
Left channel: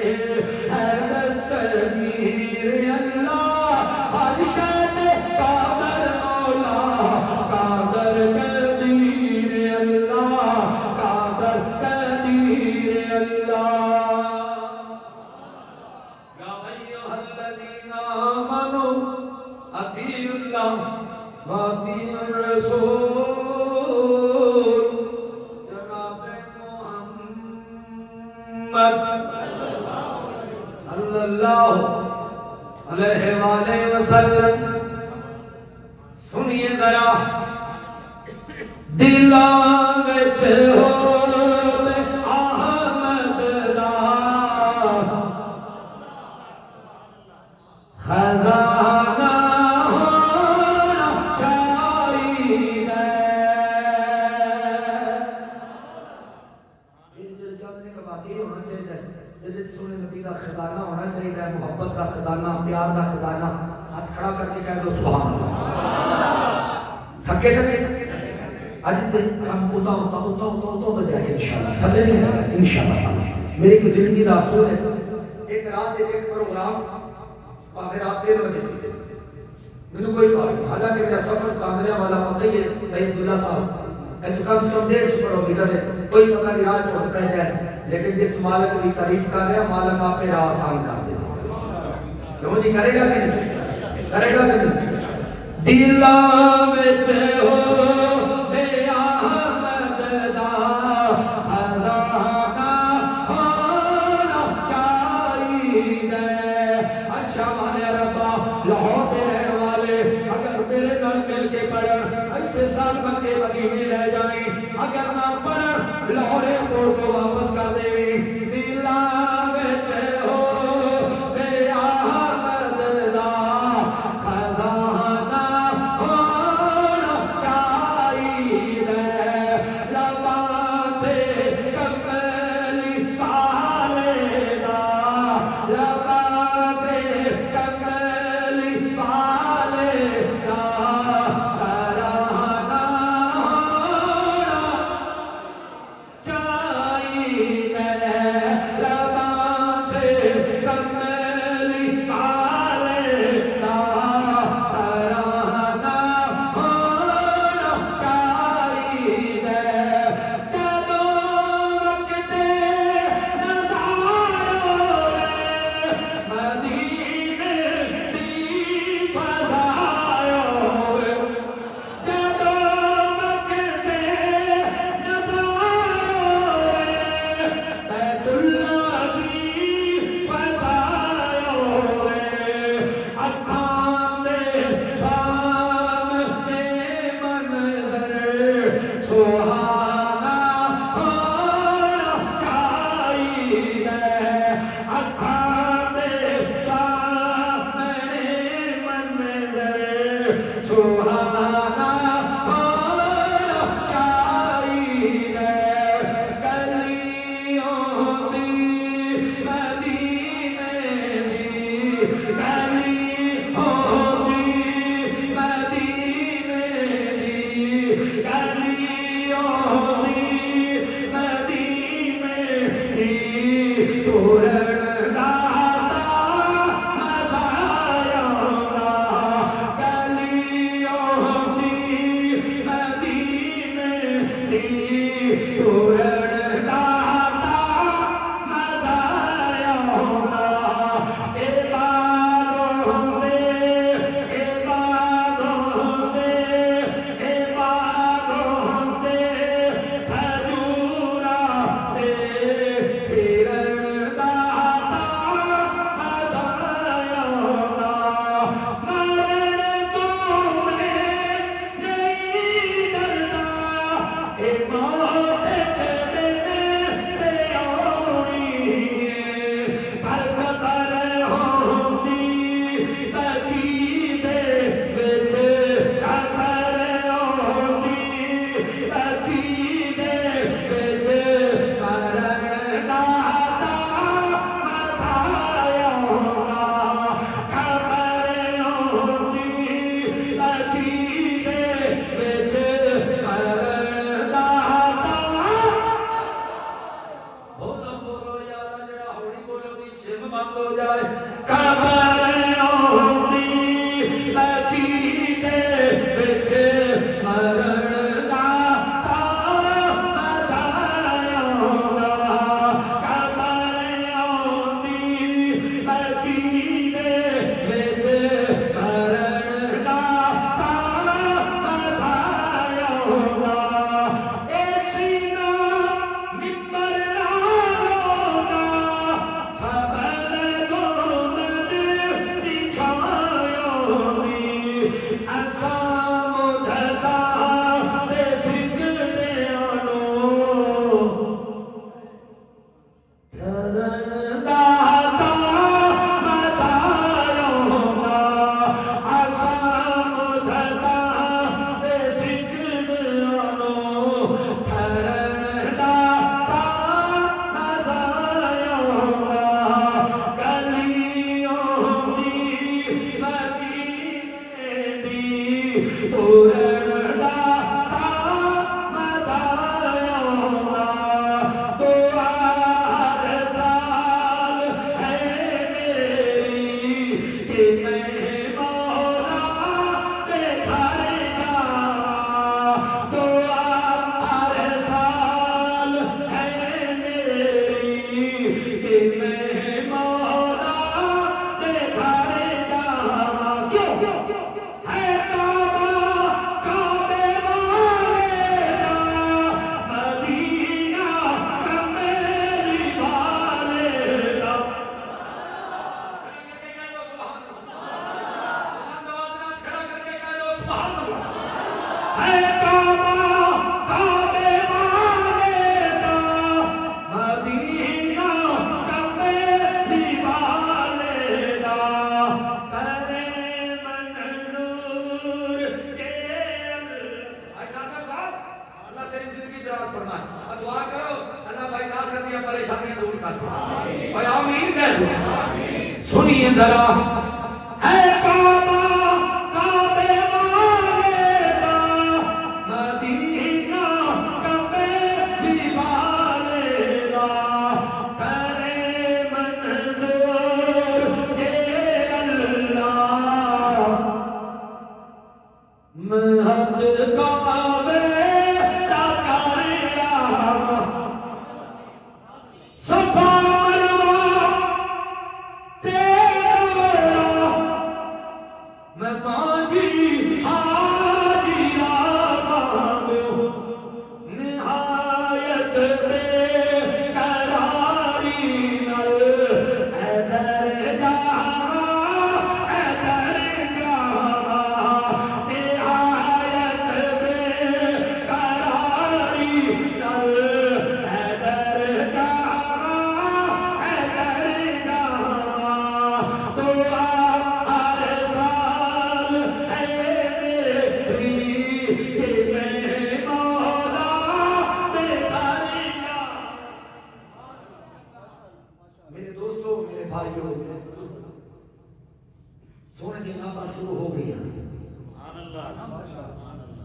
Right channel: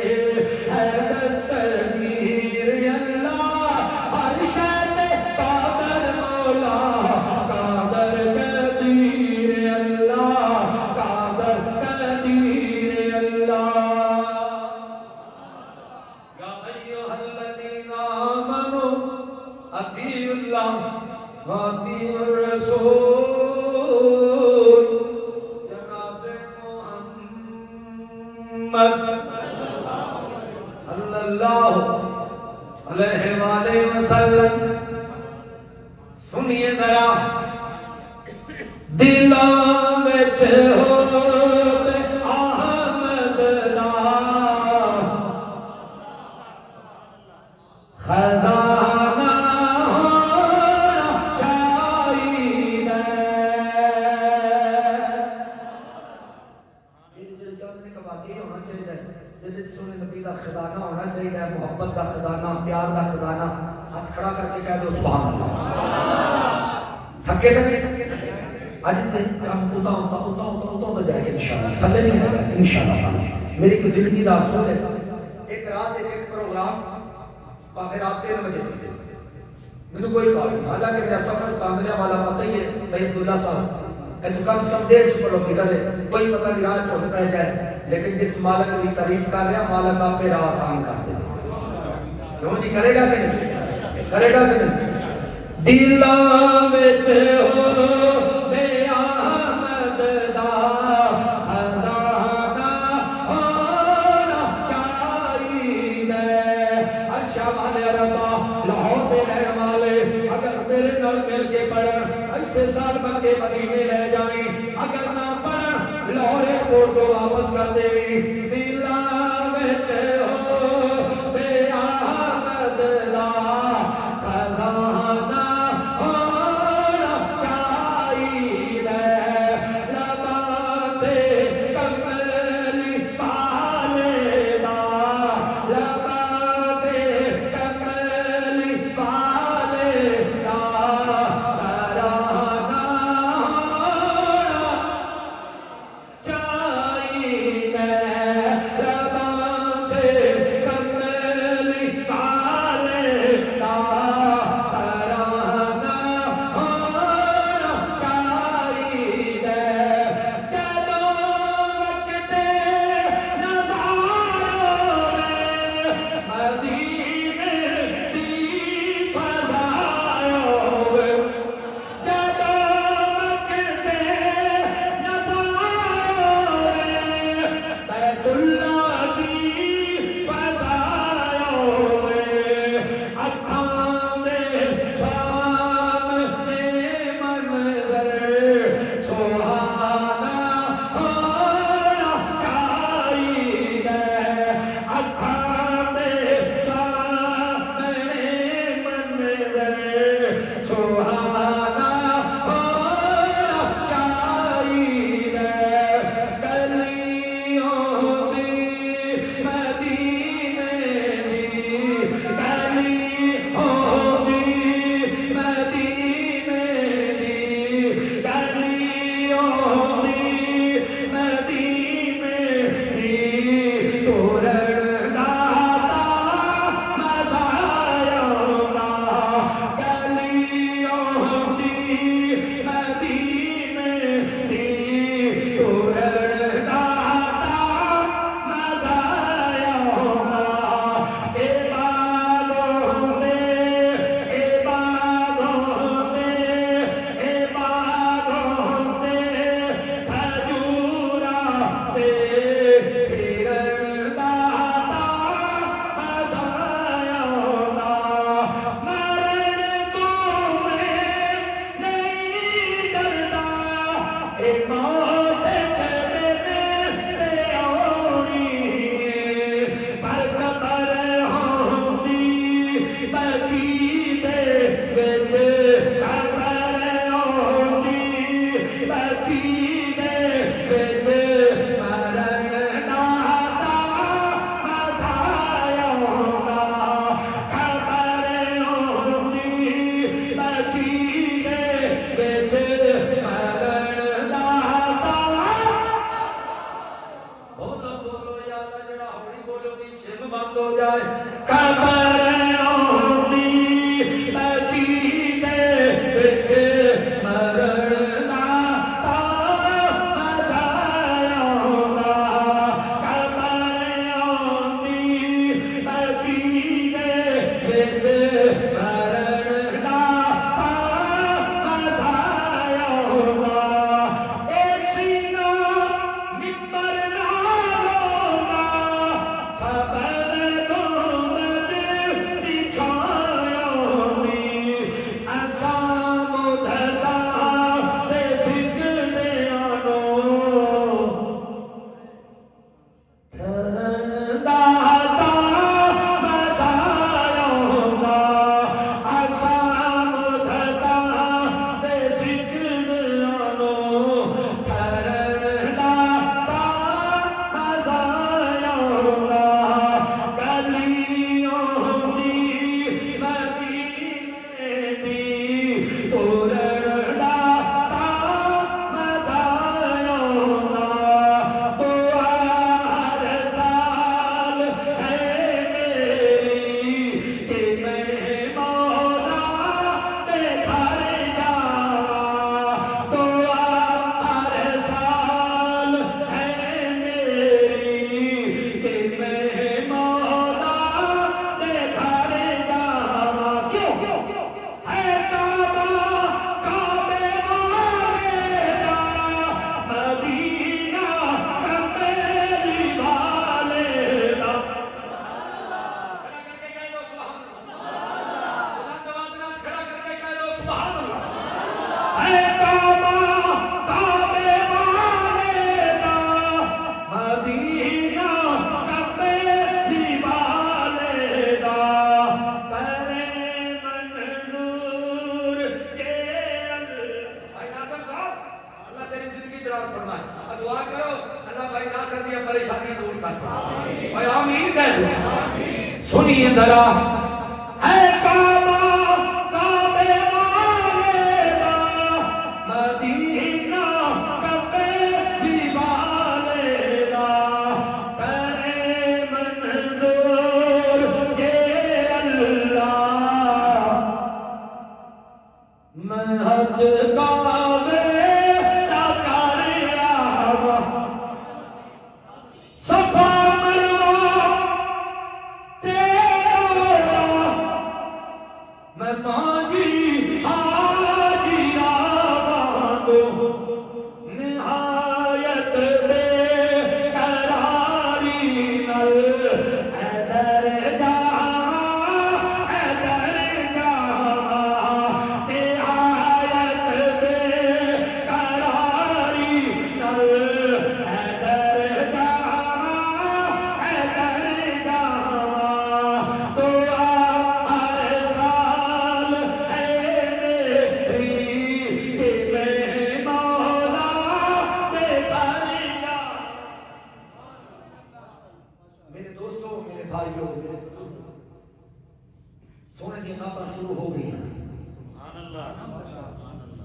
ہے دستگیر اللہ ہر شے تے قادر مولا قادر قدیر اللہ قادر قدیر اللہ یا ایھا الذین آمنوا اطیعوا اللہ واطیعوا الرسول جناب محمد صلی اللہ علیہ وآلہ وسلم سنیے ذرا دلاں وچ ہووے احمد دا خزانہ ہونا چاہیے دل چاہتے کہ واقعی ہونا چاہیے دل سونے نبی دا خزانہ ہونا چاہیے محبت دا خزانہ پیار دا خزانہ ہاتھ کھڑا کر کے کہہ دو سبحان اللہ تھکے تھے آج تے کام ہوتا جائے گا انشاءاللہ تھلے نہیں جائے گا انشاءاللہ میری کی زندگی دا اصول ہے ایک رات ایک پروگرام پاکے رات 3 بجے تھی میں نے کوئی کہا نہیں حالانکہ میرا سفر کاندریا والا پتہ ہی ہے بھائی عبداللہ صاحب کم سے کم 150 کلو میٹر ہے کوئی پتہ نہیں راج پہنچتا ہے جائے لیکن جس مالک کی تعریف کر رہا مالک آپ پہ راہ آسان کر دے کیوں جی کرے گا کہ نہیں کرے گا کہ نہیں دلاں وچ ہووے احمد دا خزانہ ہونا چاہیے ارشا والے ربا لاہور دے رہن والے اگر میرے نال مل کے پڑھن ایسے سال مکے مدینے لے جائیں اگر نہ پڑھن لاہور ایئرپورٹ کو واپس کر دے دلاں وچ ہووے احمد دا خزانہ ہونا چاہیے لباتے کملی پالے دا لباتے کملی پالے دا ترانہ ہونا چاہیے سنیے ذرا ہے کعبہ کعبے والے دا مدینہ کعبے دیوالے دا کرے منظور یہ اللہ محج کعبے دا کریا صفا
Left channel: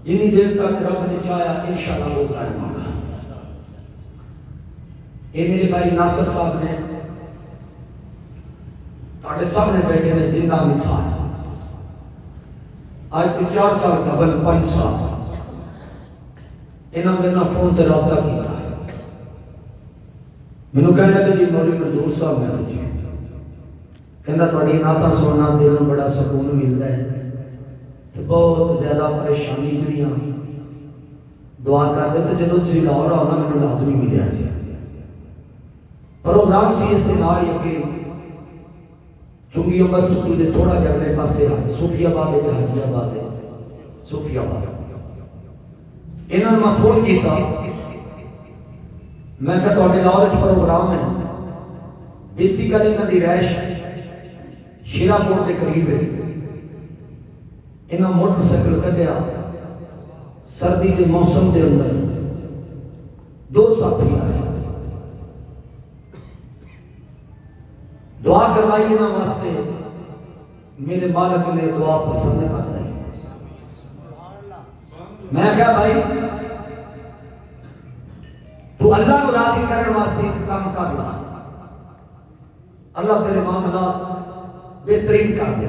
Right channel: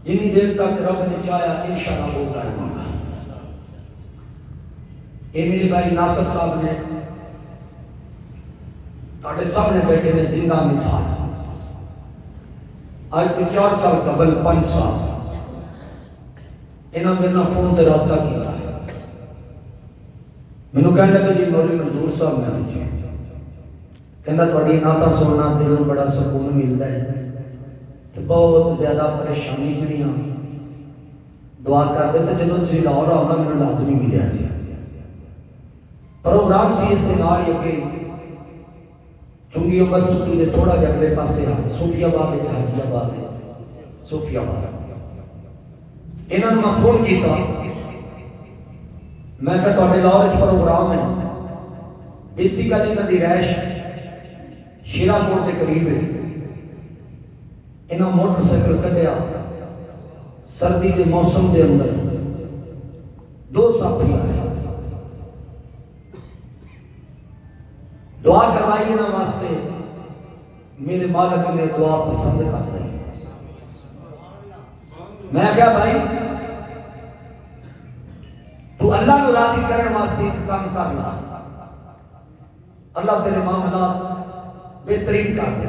جنی دیر تک رب نے چاہیا انشاءاللہ بولتا رہوں گا. یہ میرے بھائی ناصر صاحب نے تھوڑے سامنے بیٹھے میں زندہ مثال آج 4 سال قبل 5 سال انہوں نے میرے فون سے رابطہ کیا مینوں کہنے لگے جی مولوی منظور صاحب میں جی کہنا تھوڑی نعتاں سننا دل نوں بڑا سکون ملتا ہے تو بہت زیادہ پریشانی چ نہیں ہاں دعا کر دے تو جدوں تسی لاہور آؤ نا مینوں لازمی ملیا جی پروگرام سی اس کے نال ہی کہ چنگی یونیورسٹی دے تھوڑا جا اگلے پاسے صوفی آباد ہے حاجی آباد ہے صوفی آباد انہوں نے میں فون کیتا میں کہا تھوڑے لاہور وچ پروگرام ہے بیسیکلی انہاں دی رہائش شیرا کوٹ کے قریب ہے انہاں موٹر سائیکل کڈیا سردی کے موسم کے اندر دو ساتھی آئے دعا کروائی انہاں واسطے میرے مالک نے دعا پسند کرتا ہے میں کیا بھائی تو اللہ کو راضی کرنے واسطے ایک کام کر لا اللہ تیرے معاملات بہترین کر دے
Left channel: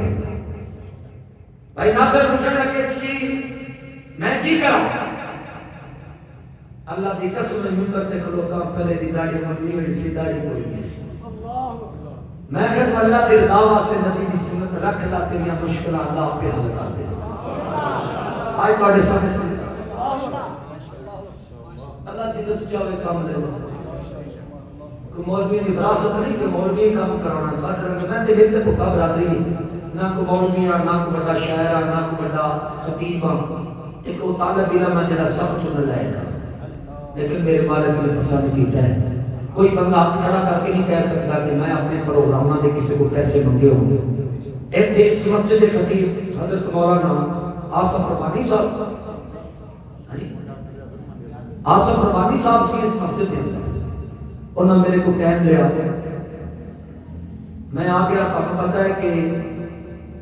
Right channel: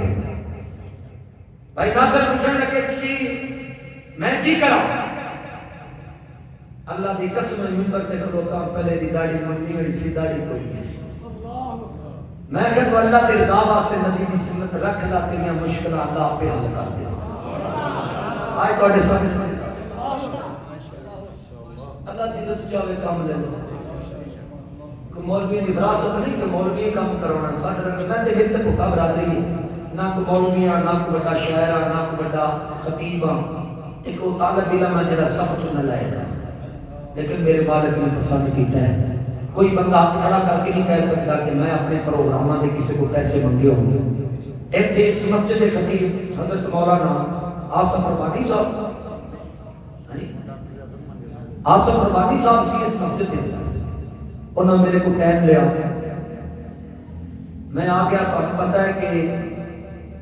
بھائی ناصر پوچھنے لگے کہ میں کی کروں اللہ دی قسم میں منبر تے کھلوتا پہلے دی داڑھی مننی ہوئی سی داڑھی کوئی نہیں سی میں کہتا اللہ دی رضا واسطے نبی دی سنت رکھ لا تیریاں مشکلات اللہ پہ حل کر دے آئے تواڈے سامنے اللہ جدوں تو چاہے کام لے کہ مولوی دی وراثت نہیں کہ مولوی کام کرانا ساڈے رنگ تے بنت پھپا برادری نہ کو مولوی نہ کو بڑا شاعر نہ کو بڑا خطیب ایک وہ طالب علم ہے جڑا سب چن لائے گا لیکن میرے مالک نے پسند کیتا ہے کوئی بندہ ہاتھ کھڑا کر کے نہیں کہہ سکتا کہ میں اپنے پروگراموں میں کسی کو پیسے منگے ہوں گے ایتھے اس مسجد کے خطیب حضرت مولانا آصف ربانی صاحب آصف ربانی صاحب سی اس مسجد میں انہوں نے میرے کو ٹائم لیا میں آ گیا آپ کو پتا ہے کہ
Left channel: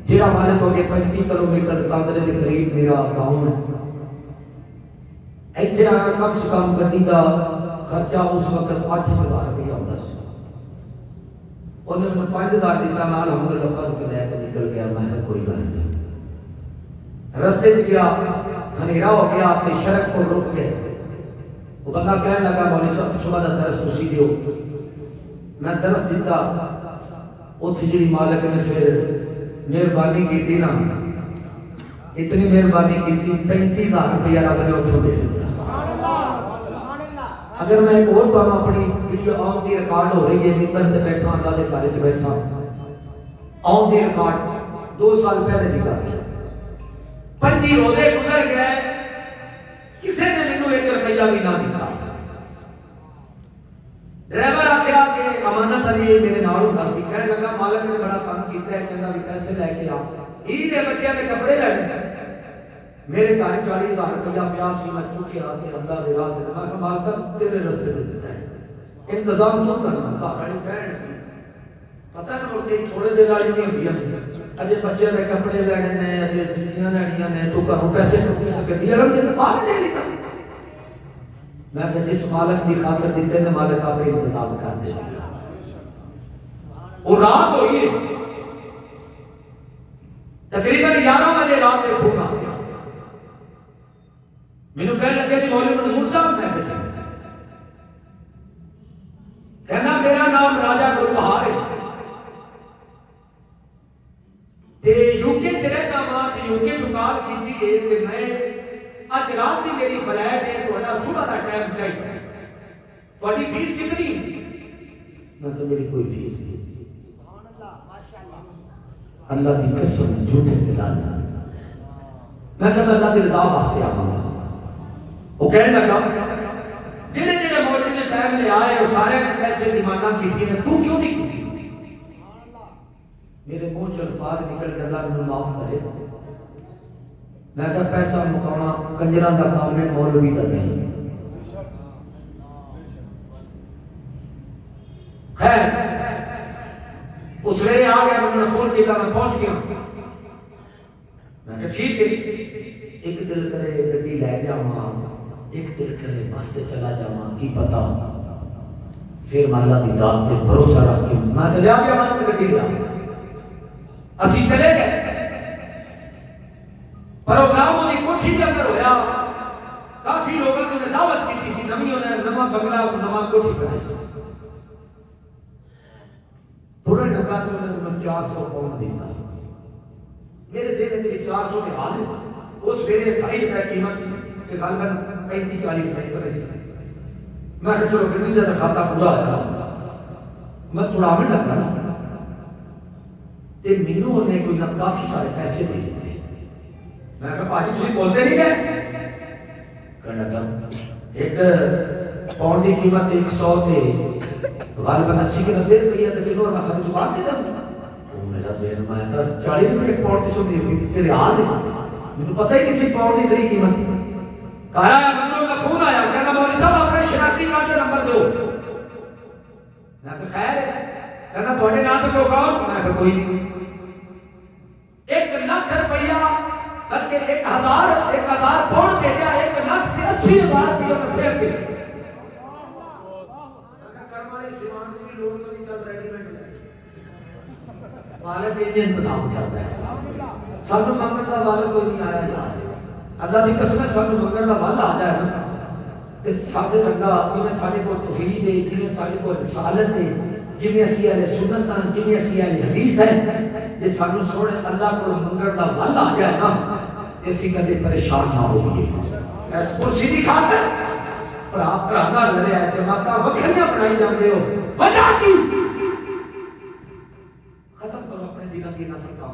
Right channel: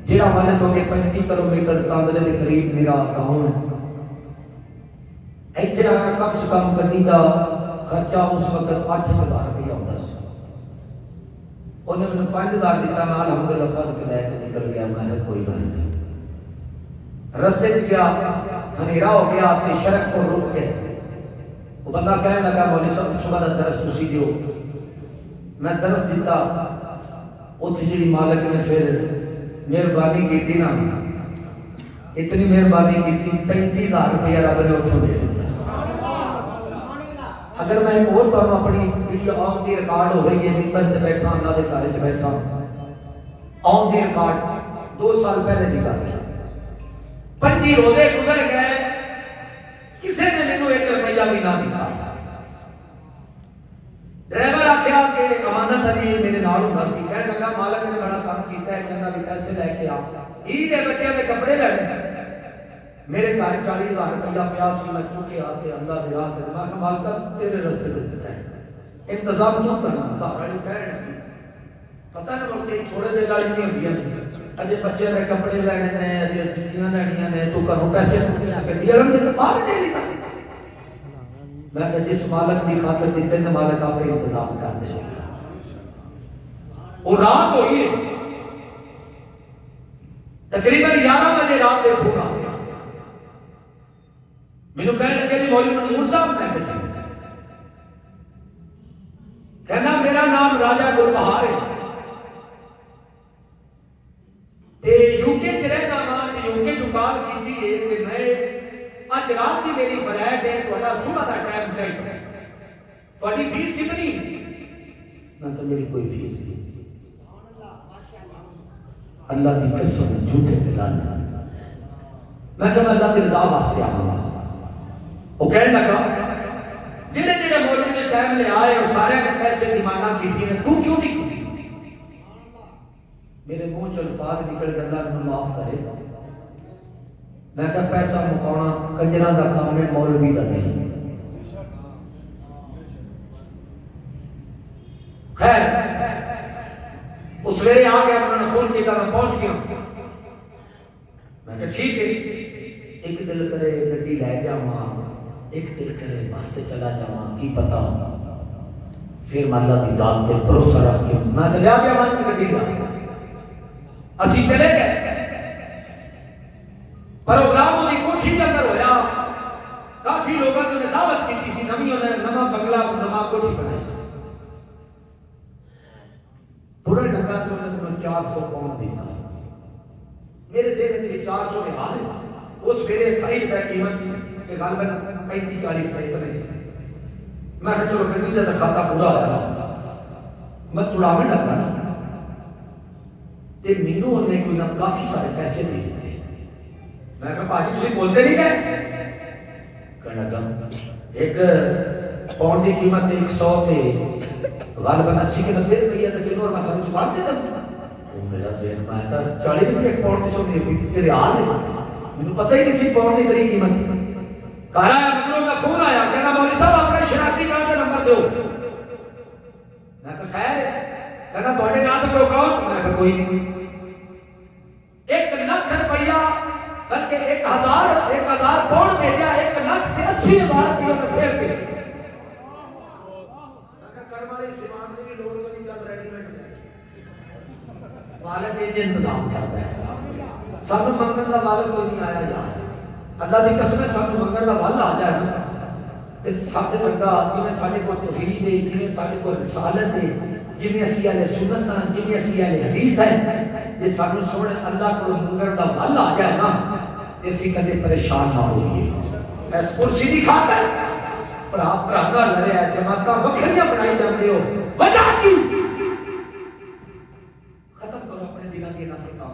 جیڑا والے تو کہ 35 کلومیٹر تاندلے کے قریب میرا گاؤں ہے ایتھے آیا کم سے کم گڈی دا خرچہ اس وقت 8,000 روپیہ ہوتا ہے انہیں میں 5,000 دیتا میں الحمدللہ پڑھ کے لے کے نکل گیا میں کوئی گل نہیں رستے سے گیا ہنیرا ہو گیا تے شرک کو رک گئے وہ بندہ کہنے لگا مولوی صاحب صبح دا درس تسی دیو میں درس دیتا اتھے جڑی مالک نے پھر مہربانی کی تھی نا اتنی مہربانی کی تھی 35,000 روپیہ رب نے اتھے دے دیتا اگر میں ایک اور تو ہم اپنی ویڈیو آن دی ریکارڈ ہو رہی ہے ممبر تے بیٹھا اللہ دے گھر وچ بیٹھا آن دی ریکارڈ 2 سال پہلے دی گل ہے 5 روزے گزر گئے کسی نے مینوں 1 روپیہ بھی نہ دتا ڈرائیور آکھیا کہ امانت علی میرے نال ہوندا سی کہنے لگا مالک نے بڑا کام کیتا ہے کہندا بھی پیسے لے کے آ عید دے بچیاں دے کپڑے لینے میرے گھر 40,000 روپیہ پیا سی میں چکے آ کے اللہ دے راہ تے میں کہ مالک تیرے رستے تے دیتا ہے انتظام کیوں کرنا گھر والی کہن پتہ نہیں بولتے تھوڑے دیر والی نہیں ہوندی اجے بچیاں دے کپڑے لینے نے اجے جوتیاں لینیاں نے تو گھروں پیسے پوچھنے گڈی والوں نے پا نہیں دے دیتا میں کہ جس مالک دی خاطر دیتے نے مالک آپ انتظام کر دے وہ رات ہوئی ہے تقریباً 11 بجے رات دے فون آ گیا مینوں کہنے لگے جی مولوی منظور صاحب میں کہنا میرا نام راجہ گلبہار ہے تے یوکے چ رہتا ماں تے یوکے جو کال کیتی ہے کہ میں اج رات دی میری فلائٹ ہے تھوڑا صبح دا ٹائم چاہیے تھوڑی فیس کتنی میں کہ میری کوئی فیس نہیں اللہ دی قسم جھوٹے دلانا میں کہ اللہ دی رضا واسطے آواں وہ کہنے لگا جڑے جڑے مولوی نے ٹائم لے آئے وہ سارے نے پیسے دی مانگ کی تھی تو کیوں نہیں کی میرے منہ چ الفاظ نکل کے اللہ نے معاف کرے میں کہ پیسہ مکانا کنجراں دا کام ہے مولوی دا نہیں خیر اس ویلے آ گیا انہوں نے فون کیا میں پہنچ گیا میں کہ ٹھیک ہے ایک دل کرے گڈی لے جاواں ایک دل کرے بس تے چلا جاواں کی پتہ پھر میں اللہ دی ذات تے بھروسہ رکھ کے میں لیا گیا میں گڈی لیا اسی چلے گئے پروگرام دی کوٹھی کے اندر ہویا کافی لوگوں نے نواں بنگلہ نواں کوٹھی بنائی سی تھوڑا ڈھکا تو انہوں نے 400 پاؤنڈ دیتا میرے ذہن میں 400 کے حال ہے اس ویلے 28 روپے قیمت سی کہ غالباً 35-40 روپے اتنے سی میں کہا چلو گنی دا کھاتا پورا آیا میں تھوڑا میں لگا تے مینوں نے کوئی نہ کافی سارے پیسے دے دیتے میں کہا پاجی تسی بولتے نہیں گئے کہنے لگا ایک پاؤنڈ کی قیمت 100 تے غالباً 80 کے 90 روپیہ تک کلو اور میں ساری دکان دے دوں وہ میرا ذہن میں کہا 40 روپے ایک پاؤنڈ کی سو دے ریال ہے مجھے پتہ ہی کسی پاؤنڈ کی تری قیمت کہا ہے بندوں کا فون آیا کہنا مولوی صاحب اپنے شناختی کارڈ کا نمبر دو میں کہا خیر کہنا تھوڑے نام تو کون میں کہا کوئی نہیں 1 لاکھ روپیہ بلکہ 1000 پاؤنڈ بھیجا 1 لاکھ 80,000 روپیہ میں پھیر کے کرم والے سیمان نے بھی لوگ تو نہیں چل ریڈی میڈ لے والے پہ انتظام کرتا ہے سب منگل کا والا کوئی نہیں آیا یار اللہ کی قسم ہے سب منگل کا والا آ جائے نا کہ سارے بندہ جنہیں سارے کو توحید ہے جنہیں سارے کو رسالت ہے جنہیں اسی اہل سنت ہیں جنہیں اسی اہل حدیث ہیں یہ سانو سوڑے اللہ کو منگل کا والا آ جائے نا اسی کدے پریشان نہ ہوئیے اس کرسی دی خاطر پر آپ نہ لڑے ہیں جماعتاں وکھریاں بنائی جاندے ہو وجہ کی ختم کرو اپنے دلوں کی نفرتاں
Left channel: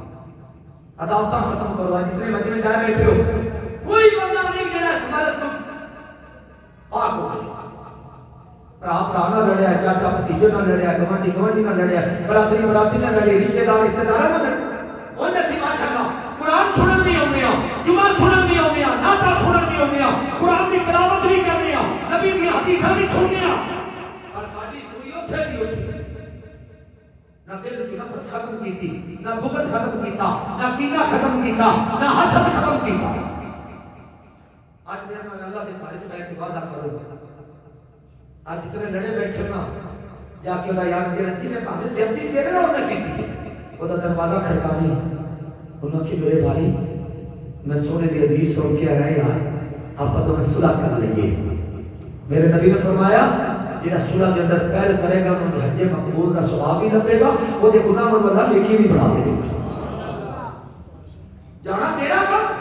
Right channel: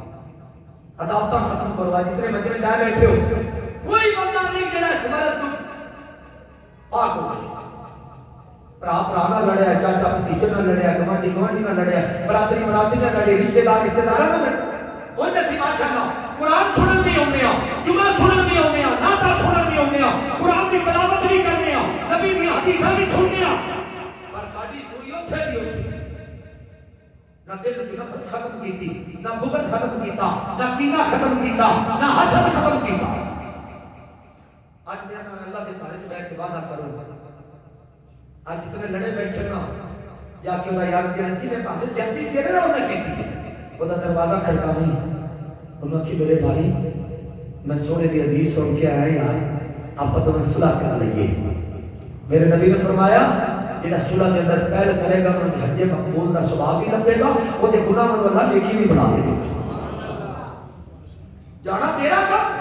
عداوتاں ختم کرو جتنے مجمع جائے بیٹھے ہو کوئی بندہ نہیں جڑا اس مرض کو پاک ہو نہ لڑے چاچا بھتیجے نہ لڑے گوانڈی نہ لڑے برادری نہ لڑے رشتہ دار نہ لڑے وہ جیسی ماشاءاللہ قرآن سنن بھی ہوندے ہیں جمعہ سنن بھی ہوندے ہیں نعتاں سنن بھی ہوندے ہیں قرآن کی تلاوت بھی کرنے ہیں نبی کی حدیثاں بھی سننے ہیں پر ساڈی سوئی اوتھے بھی ہوئی نہ دل کی نفرت ختم کیتی نہ بغض ختم کیتا نہ کینہ ختم کیتا نہ حسد ختم کیتا آج میرا نام اللہ کے گھر وچ بیٹھ کے وعدہ کرو آج جتنے لڑے بیٹھے نا جا کے دا یاد جن نے بھاوے زیادتی تیرے نال نہ کیتی او دا دروازہ کھڑکانی انہوں کی میرے بھائی میں سونے دی حدیث سن کے آیا یار آپ تو میں صلح کر لئیے میرے نبی نے فرمایا جنہاں صلح کے اندر پہل کرے گا انہوں نے حج مقبول کا ثواب بھی لگے گا وہ دے گناہ من اللہ نیکی بھی بڑھا دے گا جانا تیرا کام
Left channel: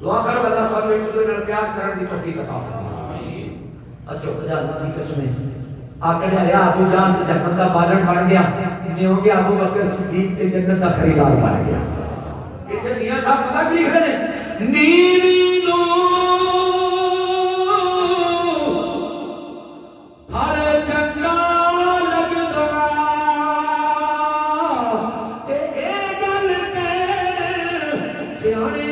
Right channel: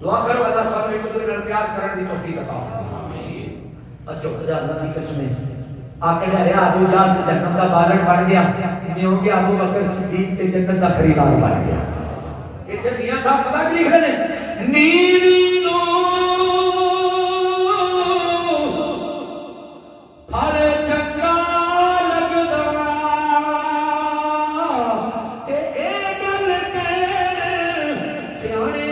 دعا کرو اللہ صاحب ایک دوسرے نال پیار کرنے دی توفیق عطا فرمائے اچھا خدا اللہ کی قسم آکڑ رہا ابو جان تے بندہ بالن بن گیا نہیں ہو گیا ابو بکر صدیق تے جنت دا خریدار بن گیا ایتھے میاں صاحب پتہ کی لکھ رہے ہیں نیوی نو پھڑ چنگا لگدا تے اے گل تے سیانے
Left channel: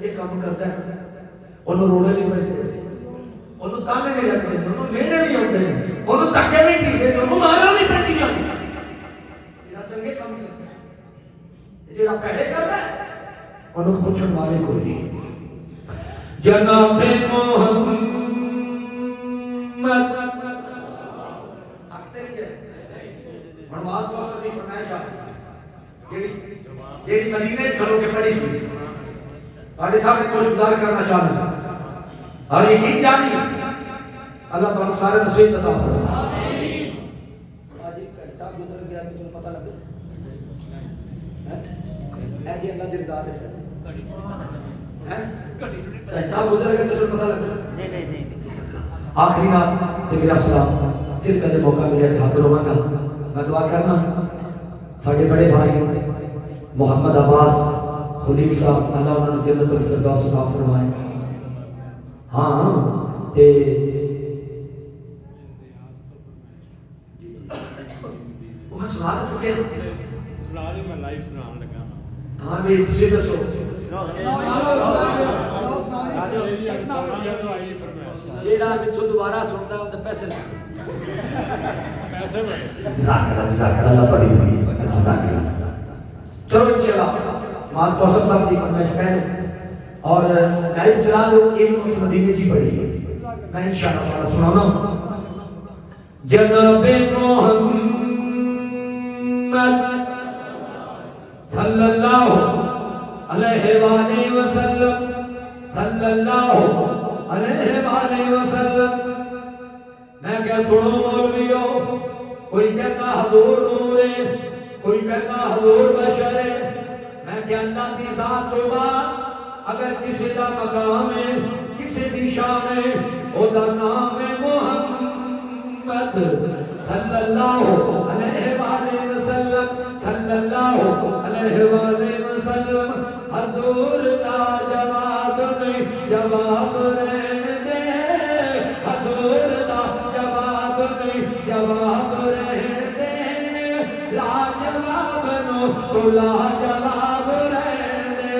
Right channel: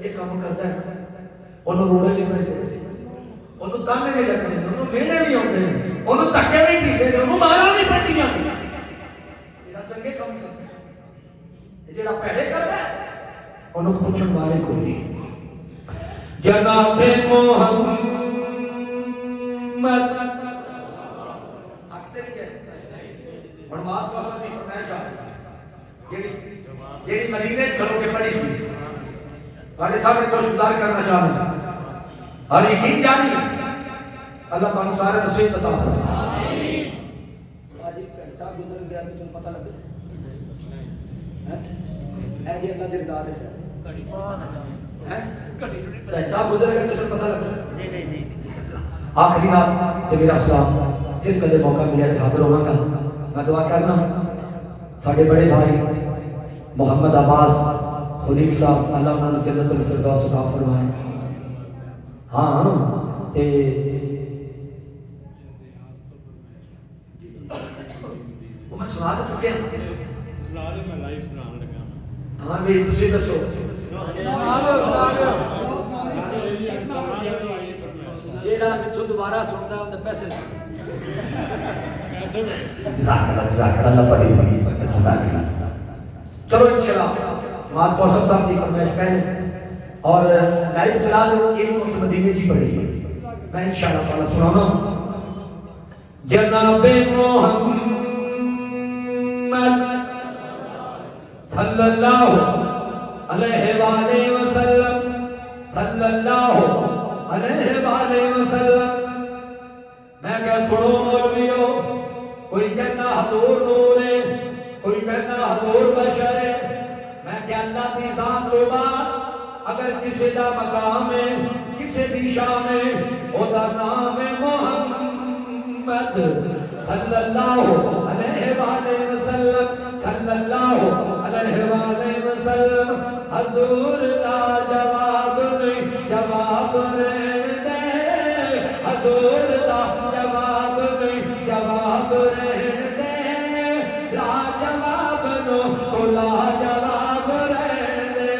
چنگے کام کرتا ہے انہوں روڑے بھی پڑتے انہوں تانے بھی لگتے ہیں انہوں مینے بھی ہوتے ہیں انہوں تکے بھی ٹھیک ہیں انہوں مارا بھی پڑتی جاتی یہ چنگے کام کرتا ہے یہ جڑا پہلے کرتا ہے انہوں کو پوچھن والے کوئی نہیں جناب محمد منواز پاسر کی فرمائش آئی جیڑی مدینہ کھلو کے پڑی سی سارے سامنے کو شکار کرنا چاہتا اور یقین جانی اللہ پاک سارے نصیب عطا فرمائے آج ایک گھنٹہ گزر گیا کسی کو پتہ لگا اے جی اللہ دی رضا دے گھنٹہ گزر گیا کسی کو پتہ لگا آخری بات تے میرا سلام پھر کدے موقع ملے تے حاضر ہوں گا میں دعا کرنا ساڑھے بڑے بھائی محمد عباس خلیق صاحب اللہ انہوں نے جنت الفردوس عطا فرمائے ہاں تے وہ میں سنا دے چکے سنا دے میں لائیو سنان لگا ہاں بھی تسی دسو جیڑا تو دوبارہ سنتا ہے ان پیسے جزاک اللہ تھوڑی زندگی جزاک اللہ چلو انشاءاللہ نماز کوثر صاحب کی فرمائش پہلے اور لائیو چلا دو علم کی مدینے جی پڑھی ہے میں انشاءاللہ تعالی سنانا جناب محمد صلی اللہ علیہ وآلہ وسلم صلی اللہ علیہ وآلہ وسلم میں کہہ سنو مولویو کوئی کہتا حضور نور ہے کوئی کہتا حضور بشر ہے میں کہتا دی ذات تو بات اگر کسی دا مقام ہے کسی دی شان ہے او دا نام ہے محمد صلی اللہ علیہ وآلہ وسلم صلی اللہ علیہ وآلہ وسلم حضور دا جواب نہیں جواب رہن دے حضور دا جواب نہیں جواب رہن دے لا جواب نو تو لا جواب رہن دے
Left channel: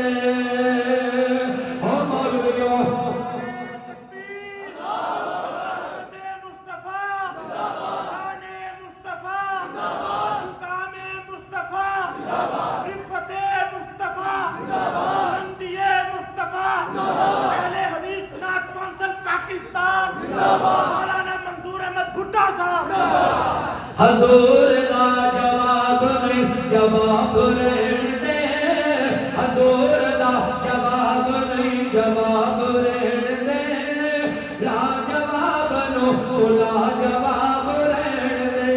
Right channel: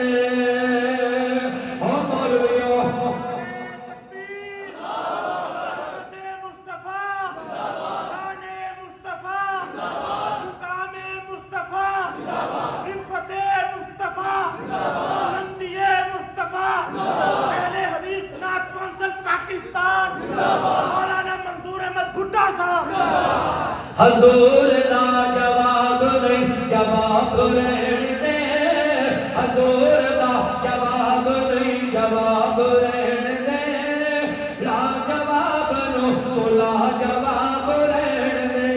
او مولویو تکبیر مصطفیٰ شان مصطفیٰ مقام مصطفیٰ رفت مصطفیٰ بلندی مصطفیٰ اہل حدیث نعت کونسل پاکستان مولانا منظور احمد بھٹا صاحب حضور دا جواب نہیں جواب رہن دے حضور دا جواب نہیں جواب رہن دے لا جواب نو تو لا جواب رہن دے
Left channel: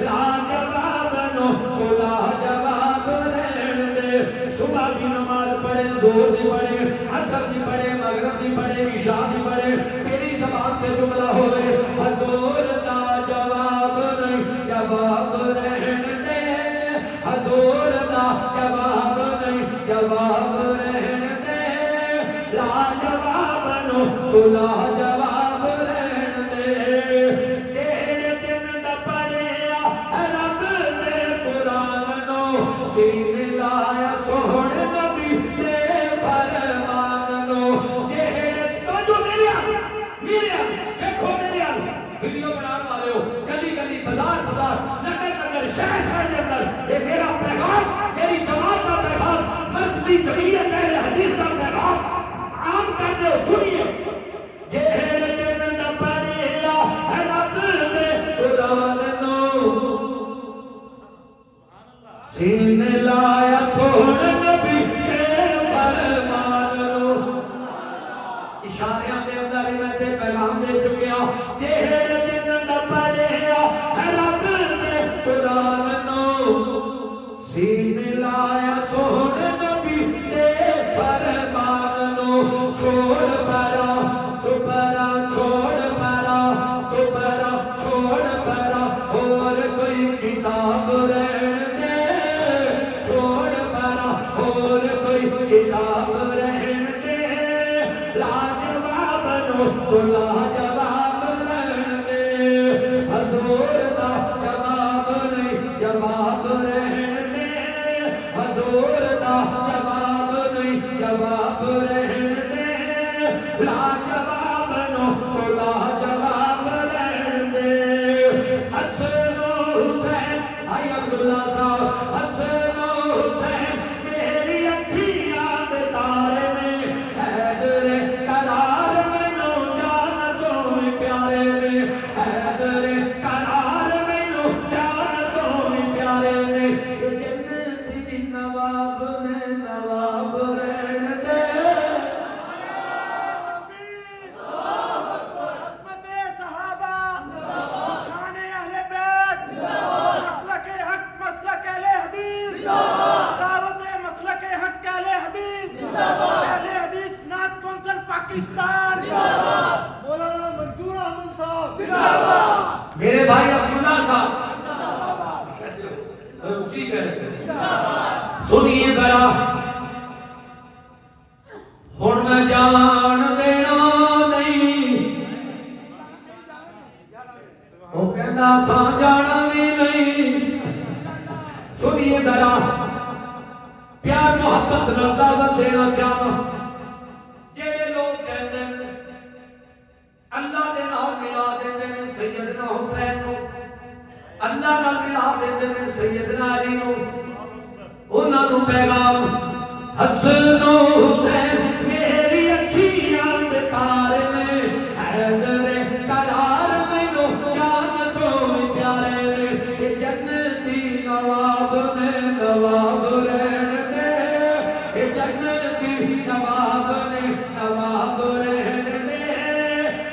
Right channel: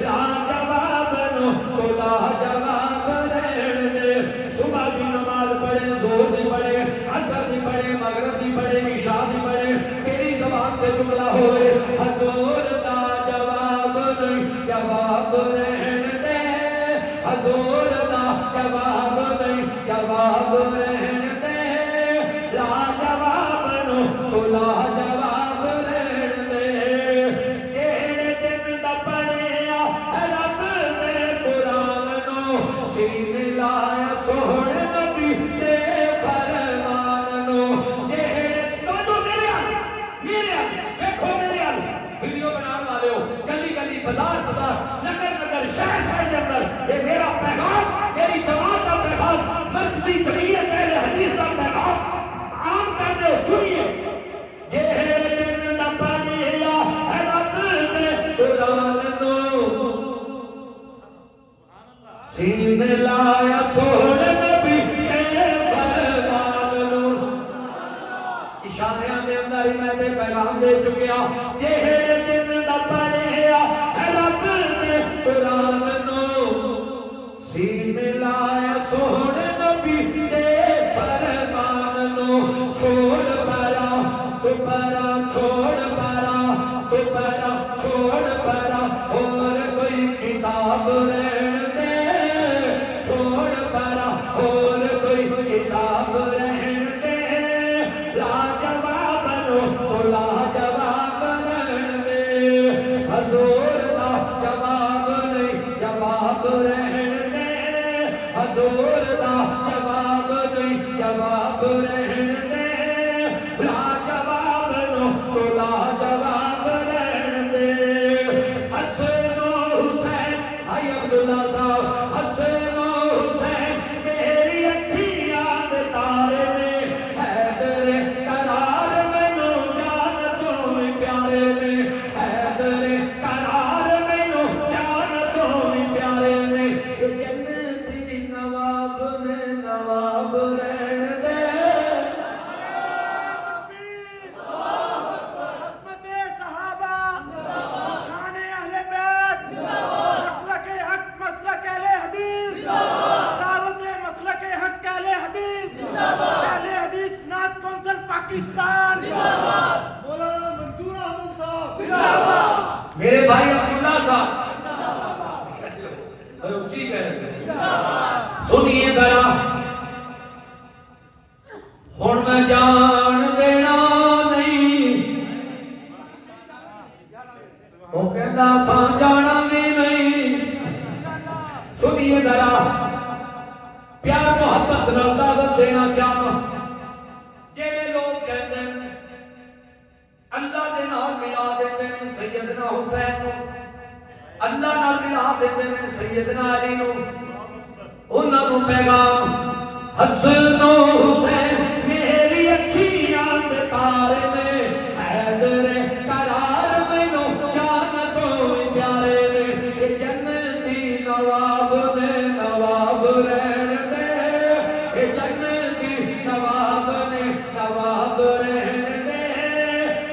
لا جواب نو تو لا جواب رہن دے صبح کی نماز پڑھے زور دی پڑھے عصر دی پڑھے مغرب دی پڑھے عشاء دی پڑھے تیری زبان پہ جملہ ہوئے حضور دا جواب نہیں جواب رہن دے حضور دا جواب نہیں جواب رہن دے لا جواب نو تو لا جواب رہن دے تیرے دن دا پڑھیا رب نے قرآن نو سینے لایا سوڑ نبی دے فرمان نو تیرے توجہ میرے دیکھو میرے ویڈیو بنانے والے ہو گلی گلی بازار بازار نگر نگر شہر شہر کے اندر یہ میرا پیغام میری جماعت کا پیغام مسجدی جمعیت اہل حدیث کا پیغام عام کر دو سنیے یہ دن نہ پڑھیا رب نے قرآن نو سینے لایا سوڑ نبی دے فرمان نو اشاریاں دے اندر ہی میں تے پیغام دے چکیا یہ دن نہ پڑھیا رب نے قرآن نو سینے لایا سوڑ نبی دے نواب رہن دے عظمت صحابہ شان اہل بیت مسلک حق مسلک اہل حدیث دعوت مسلک حق اہل حدیث اہل حدیث نعت کونسل پاکستان مولانا منصور احمد صاحب میرے بھائی عبداللہ صاحب اونچی کہتے سنیے ذرا ہن میں جان دینا نہیں وہ کہندا سا جانا بھی نہیں سنیے ذرا پیار محبت نال دعوت دینا چاہتا جڑے لوگ کہتے ہیں اللہ نے نام ملا دیتے ہیں سیدنا حسین کو اللہ نال ملا دیتے ہیں سیدنا علی کو انہاں نوں پیغام حسن و حسین میری اکھیاں دے تارے نے حیدر قرار مینوں جان تو پیارے نے کہ جنتی نواب نے نواب رہن دے کہ جنتی نواب نے نواب رہن دے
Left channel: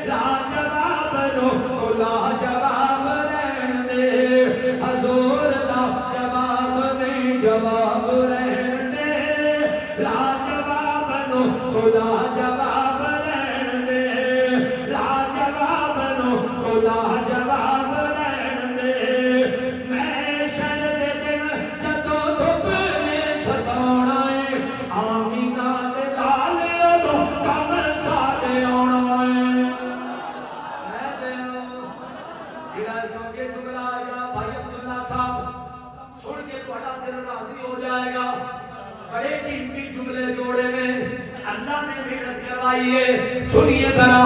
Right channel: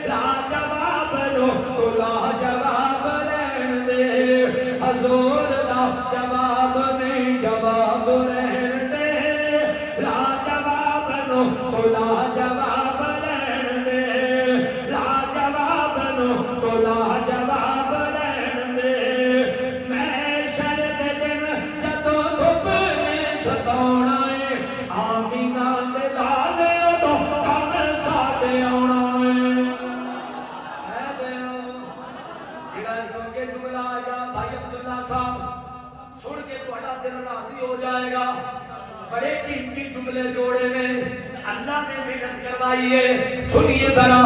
لاجواب نو تو لاجواب رہن دے حضور دا جواب نہیں جواب رہن دے لاجواب نو تو لاجواب رہن دے لاجواب نو تو لاجواب رہن دے میں شرد دن جدوں دھوپ نے ستاونا ہے آمینہ دے لالے دو کم ساڈے آونا ہے جڑا کیونکہ جملہ آیا بھائی عبداللہ صاحب سن کے تہاڈا دل راضی ہو جائے گا بڑے قیمتی جملے جوڑے میں اللہ نے محنت کروائی ہے سنیے ذرا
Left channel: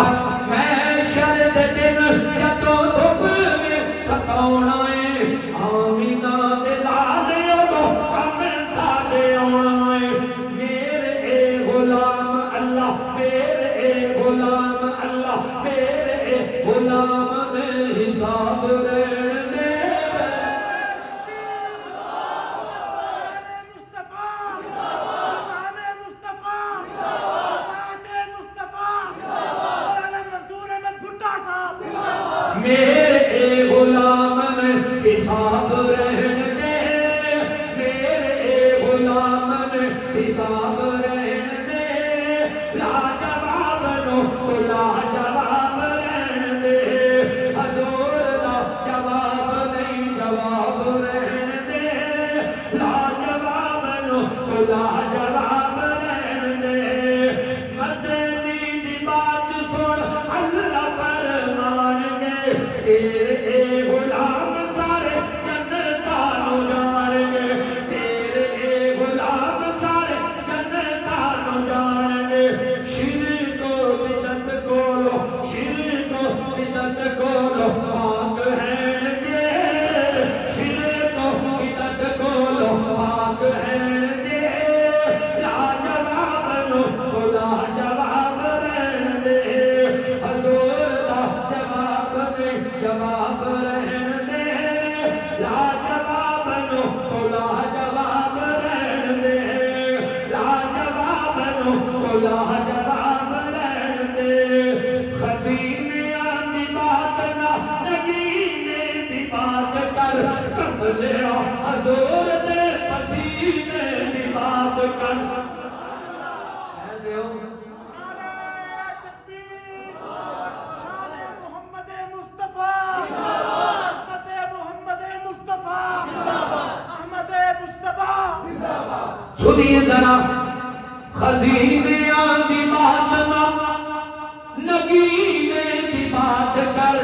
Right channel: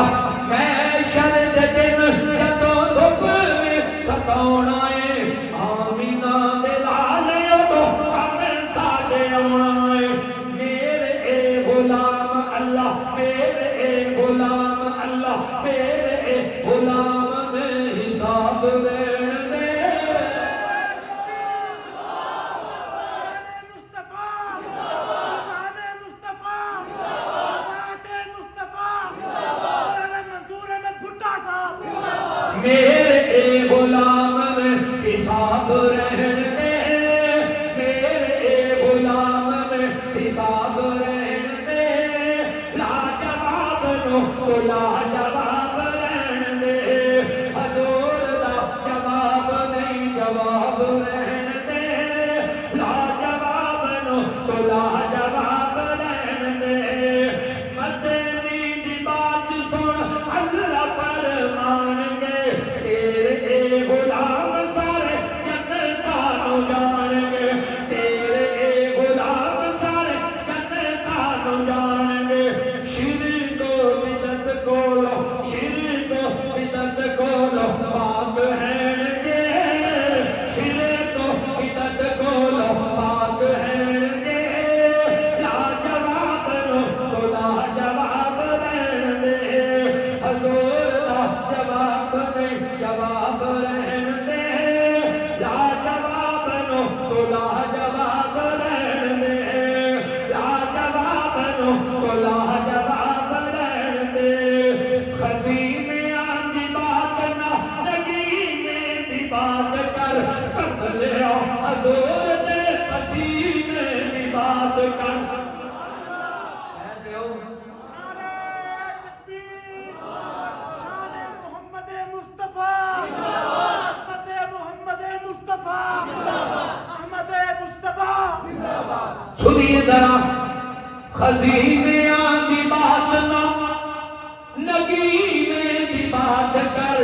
میں شرد دن جدوں دھوپ میں ستاونا ہے آمینہ دے لالے دو کم ساڈے آونا ہے میرے اے غلام اللہ میرے اے غلام اللہ میرے اے غلام نے حساب رہن دے مصطفیٰ مقام مصطفیٰ شفاعت مصطفیٰ مولانا منصور احمد بھٹا صاحب میرے اے غلام نے حساب رہن دے میرے اے غلام نے حساب رہن دے لاجواب نو تو لاجواب رہن دے حضور دا جواب نہیں جواب رہن دے لاجواب نو تو لاجواب رہن دے مدنی دی بات سن اللہ فرمان گے تیرے اے غلام سارے جنتاں نوں جان گے تیرے اے غلام سارے جنتاں نوں جان گے شرک و بدعت کولو شرک و بدعت کولو پاک رہن گے شرک و بدعت کولو پاک رہن گے لاجواب نو تو لاجواب رہن دے حضور دا جواب نہیں جواب رہن دے لاجواب نو تو لاجواب رہن دے لاجواب نو تو لاجواب رہن دے خزینیاں دی بات نہ نگینے دی بات کر قبلیا حضور دے پسینے دی بات کر نعرہ تکبیر شان محمد مصطفیٰ عظمت محمد مصطفیٰ احمد مصطفیٰ سنیے ذرا خزینے دی بات نہ نگینے دی بات کر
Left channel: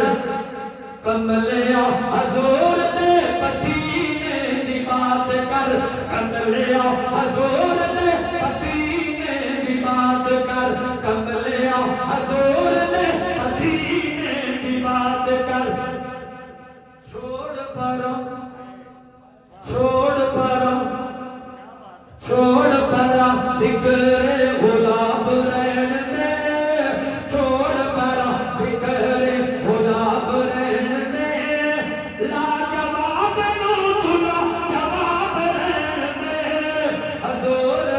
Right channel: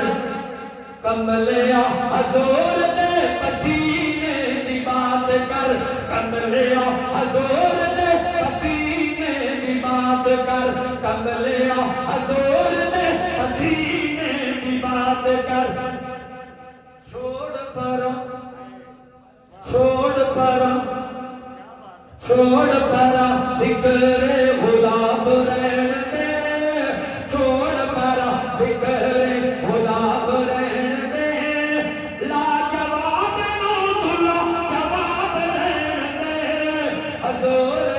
کملیا حضور دے پسینے دی بات کر کملیا حضور دے پسینے دی بات کر کملیا حضور دے پسینے دی بات کر چھوڑ پروں چھوڑ پروں چھوڑ پرا ذکر غلام رہن دے چھوڑ پرا ذکر غلام رہن دے لاجواب نو تو لاجواب رہن دے حضور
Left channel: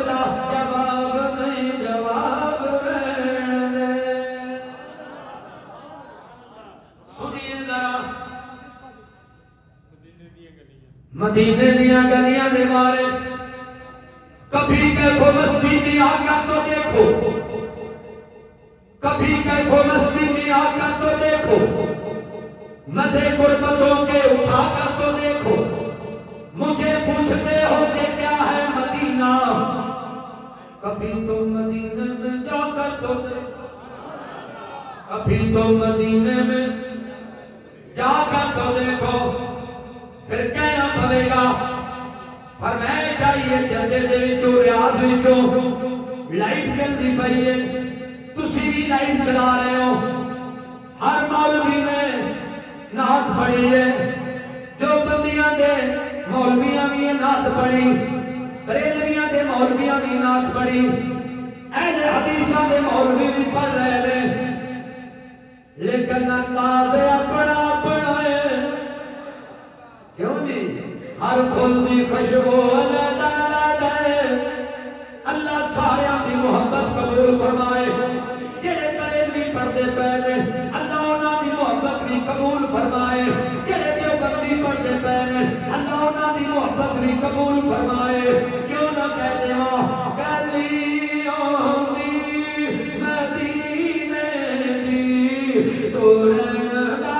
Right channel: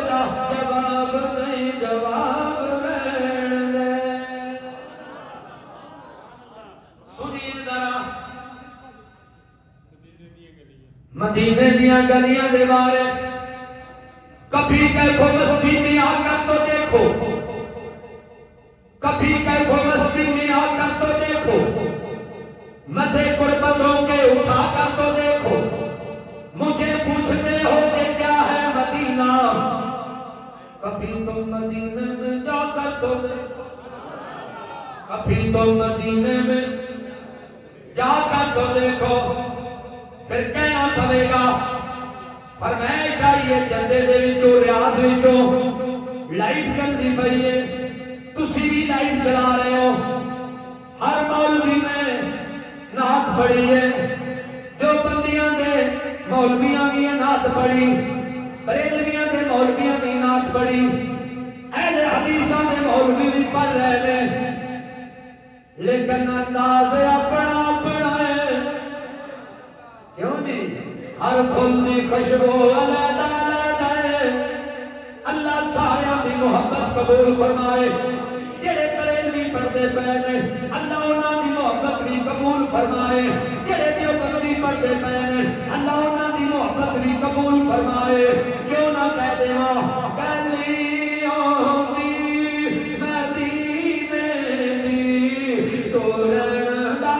مدینے دیا گلیاں دے بارے کبھی کیفو مستی میں آ کر تو دیکھو کبھی کیفو مستی میں آ کر تو دیکھو مزے قربتوں کے اٹھا کر تو دیکھو مجھے پوچھتے ہو کہ کیا ہے مدینہ کبھی تو مدینے میں جا کر تو دیکھو کبھی تو مدینے میں جا کر تو دیکھو پھر کہنا پڑے گا فرمائش آئی ہے جندے دے وچوں ریاض وچوں لائٹ چل دی پئی ہے تسی بھی لائٹ چلا رہے ہو ہر مولوی نے نعت پڑھی ہے جو بندیاں دے مولویاں بھی نعت پڑھی بریلویاں دے مولویاں بھی نعت پڑھی اہل حدیثاں دے مولوی بھی پڑھ رہے ہیں لیکن انداز اپنا اپنا ہے کیوں نہیں ہر پھول دی خوشبو علیحدہ علیحدہ ہے اللہ سایہ دی محبت قبول فرمائے جڑے بریلوی پڑھتے پے نے اللہ انہاں دی محبت بھی قبول فرمائے جڑے دیوبندی پڑھتے پے نے اللہ انہاں دی محبت بھی قبول فرمائے کیوں نہ کہتے ہو گلی ہوندی مدینے دی تورن دا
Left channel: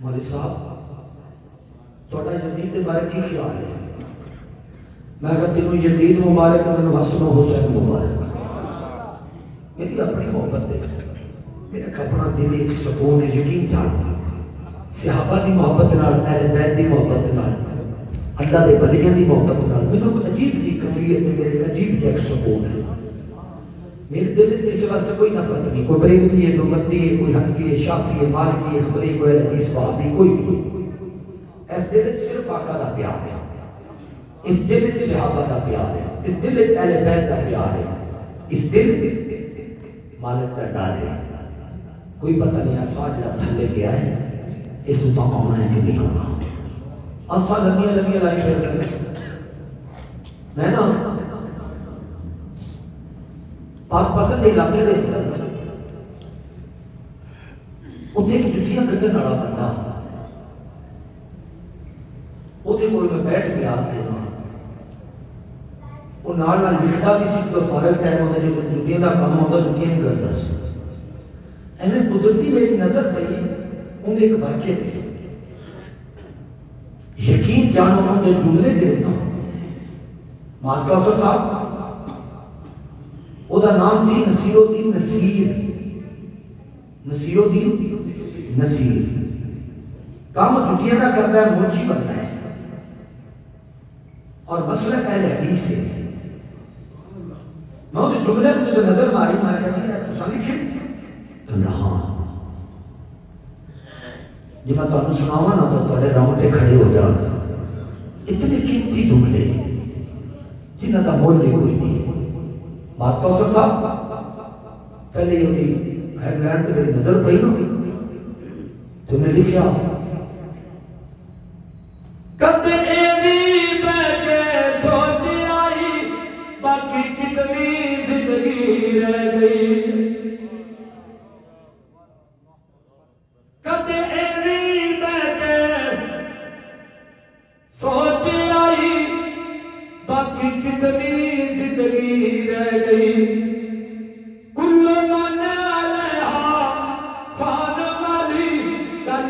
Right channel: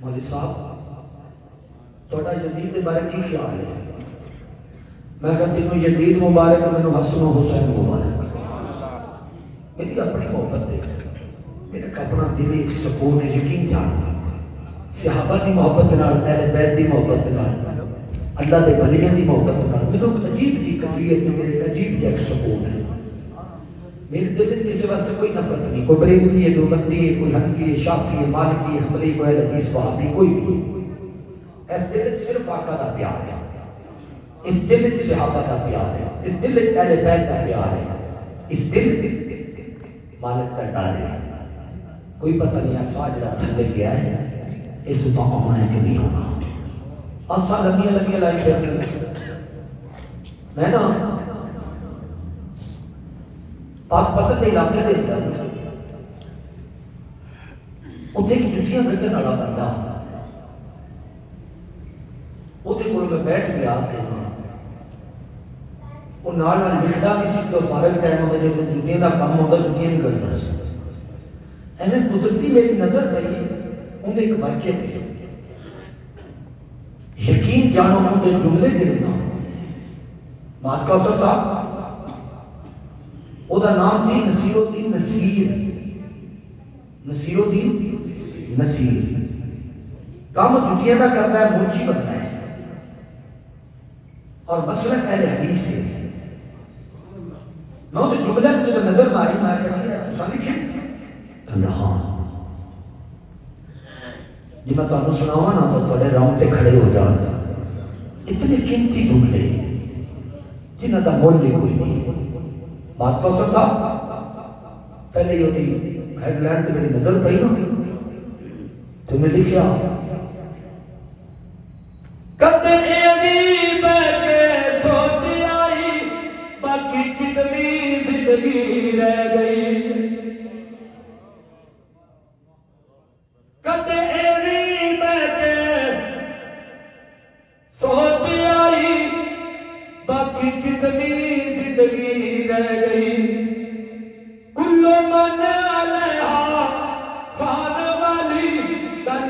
مولوی صاحب تھوڑا یزید کے بارے کی خیال ہے میں کہتی ہوں یزید مبارک میں حسن و حسین مبارک میری اپنی محبت دیکھ میرا اپنا دل ایک سکون ہے یقین جانا صحابہ دی محبت نال اہل بیت دی محبت نال اللہ دے ولیاں دی محبت نال میرے عجیب جی کیفیت میں میرے عجیب جا ایک سکون ہے میرے دل میں کسی واسطے کوئی نفرت نہیں کوئی بریلوی ہے کوئی بندی ہے کوئی حنفی ہے شافعی ہے مالکی ہے حنبلی کوئی حدیث وہابی کوئی اس دل میں صرف آقا دا پیار ہے اس دل میں صحابہ دا پیار ہے اس دل میں اہل بیت دا پیار ہے اس دل میں مالک دا ڈر ہے کوئی پتہ نہیں آسا جڑا تھلے گیا ہے اس کو تو آنا ہے کہ نہیں آنا آسا لگیاں لائی پھر میں نا پاک پتن دے علاقے دے اندر اتنے ایک جتیاں کٹن والا بندہ اتنے کول میں بیٹھ گیا وہ نال نال لکھدا بھی سی تو فارغ ٹائم ہوتا جو جتیاں دا کام ہوتا جتیاں نہیں کرتا سی ایویں قدرتی میری نظر پئی انہیں ایک واقعے دے یقین جانو ان کے جملے جڑے نا ماس کوثر صاحب او دا نام سی نصیر الدین نصیر نصیر الدین نصیر کام جتیاں دا کرتا ہے موچی بنتا ہے اور مسلک اہل حدیث ہے میں تو جملے تو نظر ماری میں کہا یار تساں لکھے کہنا ہاں جب میں تمہیں سناواں نا تو تھوڑے رونگٹے کھڑے ہو جان اتنے قیمتی جملے جنہاں دا مول کوئی نہیں بات کوثر صاحب پہلے یہ ہوتی ہیڈ لائن تو میری نظر پئی نا تو میں لکھیا کد ایوی بیٹھے سوچ آئی باقی کتنی زندگی رہ گئی کد ایوی بیٹھے سوچ آئی باقی کتنی زندگی رہ گئی کلو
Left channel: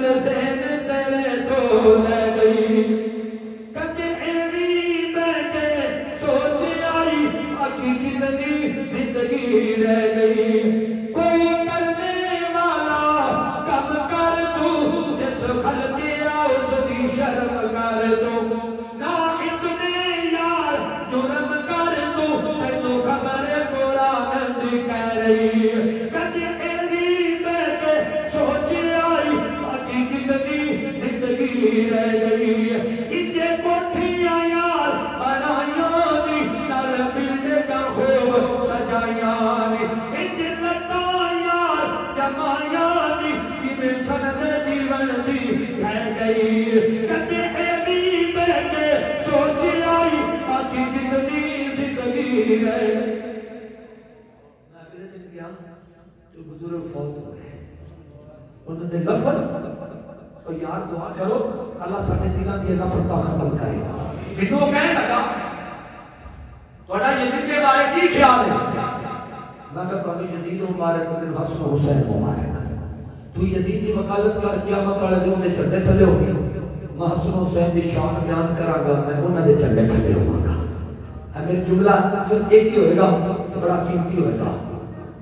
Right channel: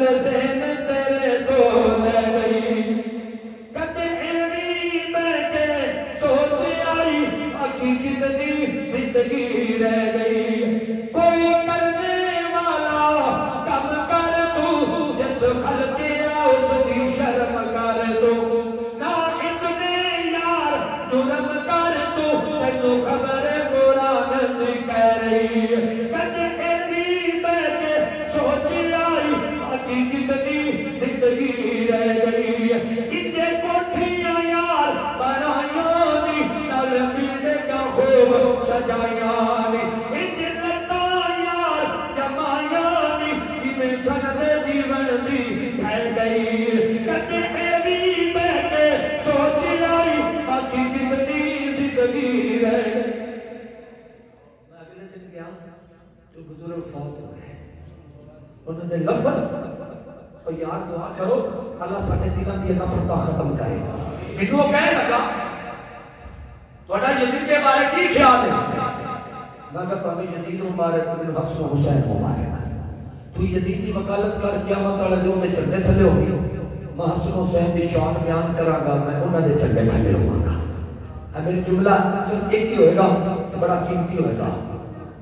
ذہن تیرے تو لے گئی کدے ایویں بیٹھے سوچ آئی باقی کتنی زندگی رہ گئی کوئی کرنے والا کم کر تو جس خلق اس کی شرم کر تو نہ اتنے یار جرم کر تو تینوں خبر قرآن دی کہہ رہی کدے ایویں بیٹھے سوچ آئی باقی کتنی زندگی رہ گئی اتنے کوٹھیاں یار بنائیاں دی نال ملنے کا خوب سجائیاں نے اتنے لگا یار جمائیاں دی کیویں سند جیون دی رہ گئی کدے ایویں بیٹھے سوچ آئی باقی کتنی زندگی رہ گئی میں اگلے دن گیا تو بزرگ فوت ہوئے انہوں نے لفظ اور یار دعا کرو اللہ ساڑھے دلوں دی نفرت ختم کرے میرے وہ کہنے لگا تھوڑا یزید کے بارے کی خیال ہے میں کہا تمہیں یزید مبارک بن حسن و حسین مبارک تو یزید دی وکالت کر کیا مقالہ دے انہیں چڑھنے تھلے ہوگی میں حسن حسین دی شان بیان کرا گا میں انہیں دے چڑھنے تھلے ہوں گا میرے جملہ صرف ایک ہی ہوئے گا بڑا قیمتی ہوئے گا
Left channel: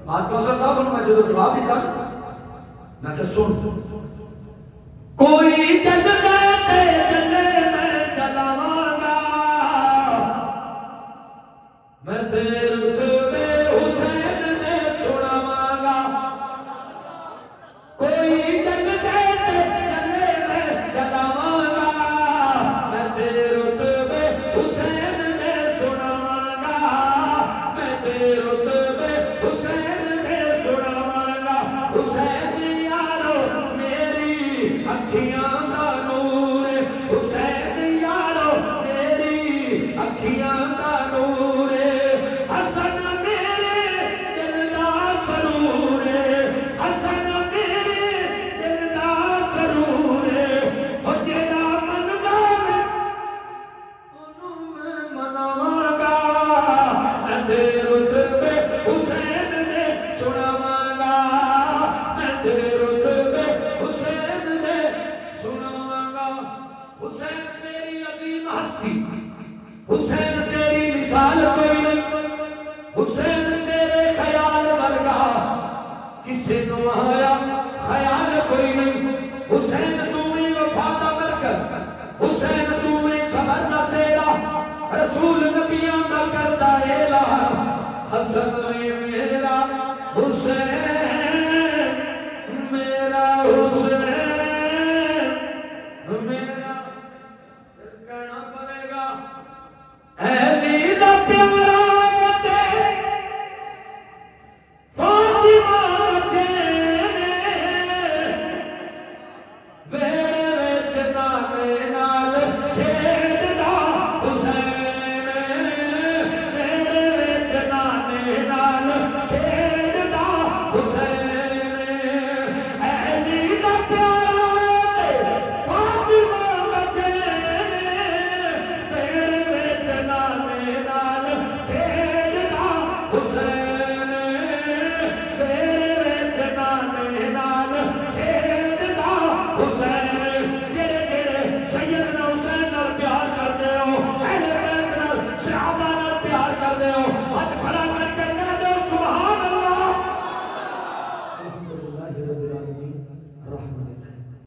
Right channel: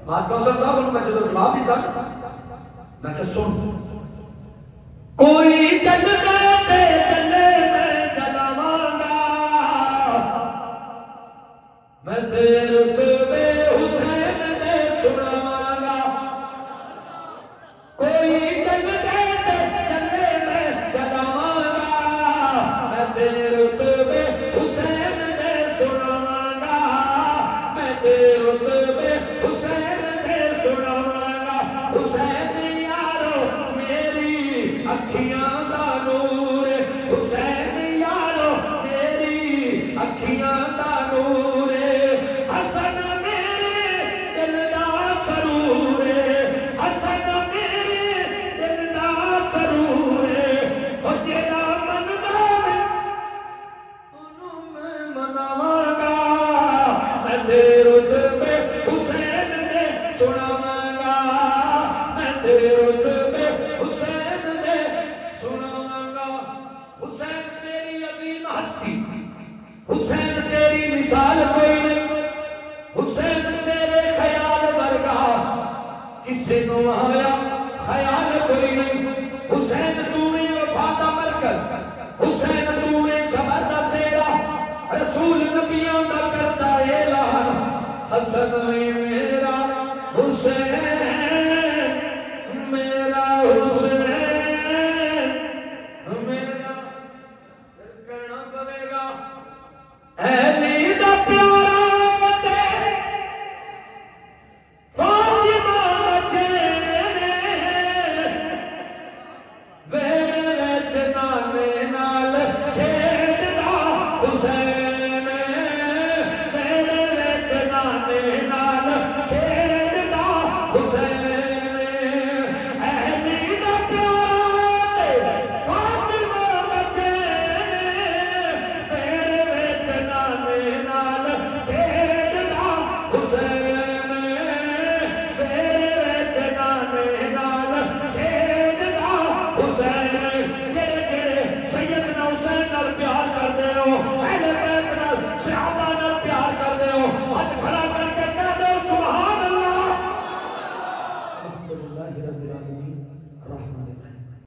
بات کوثر صاحب انہوں میں جو جواب دیتا میں کہ سن کوئی جنتے جنے میں جلاواں گا میں تیرے رتبے حسین دے سناواں گا کوئی جنتے جنے میں جلاواں گا میں تیرے رتبے حسین دے سناواں گا میں تیرے رتبے حسین دے سناواں گا حسین یارو میری اکھیاں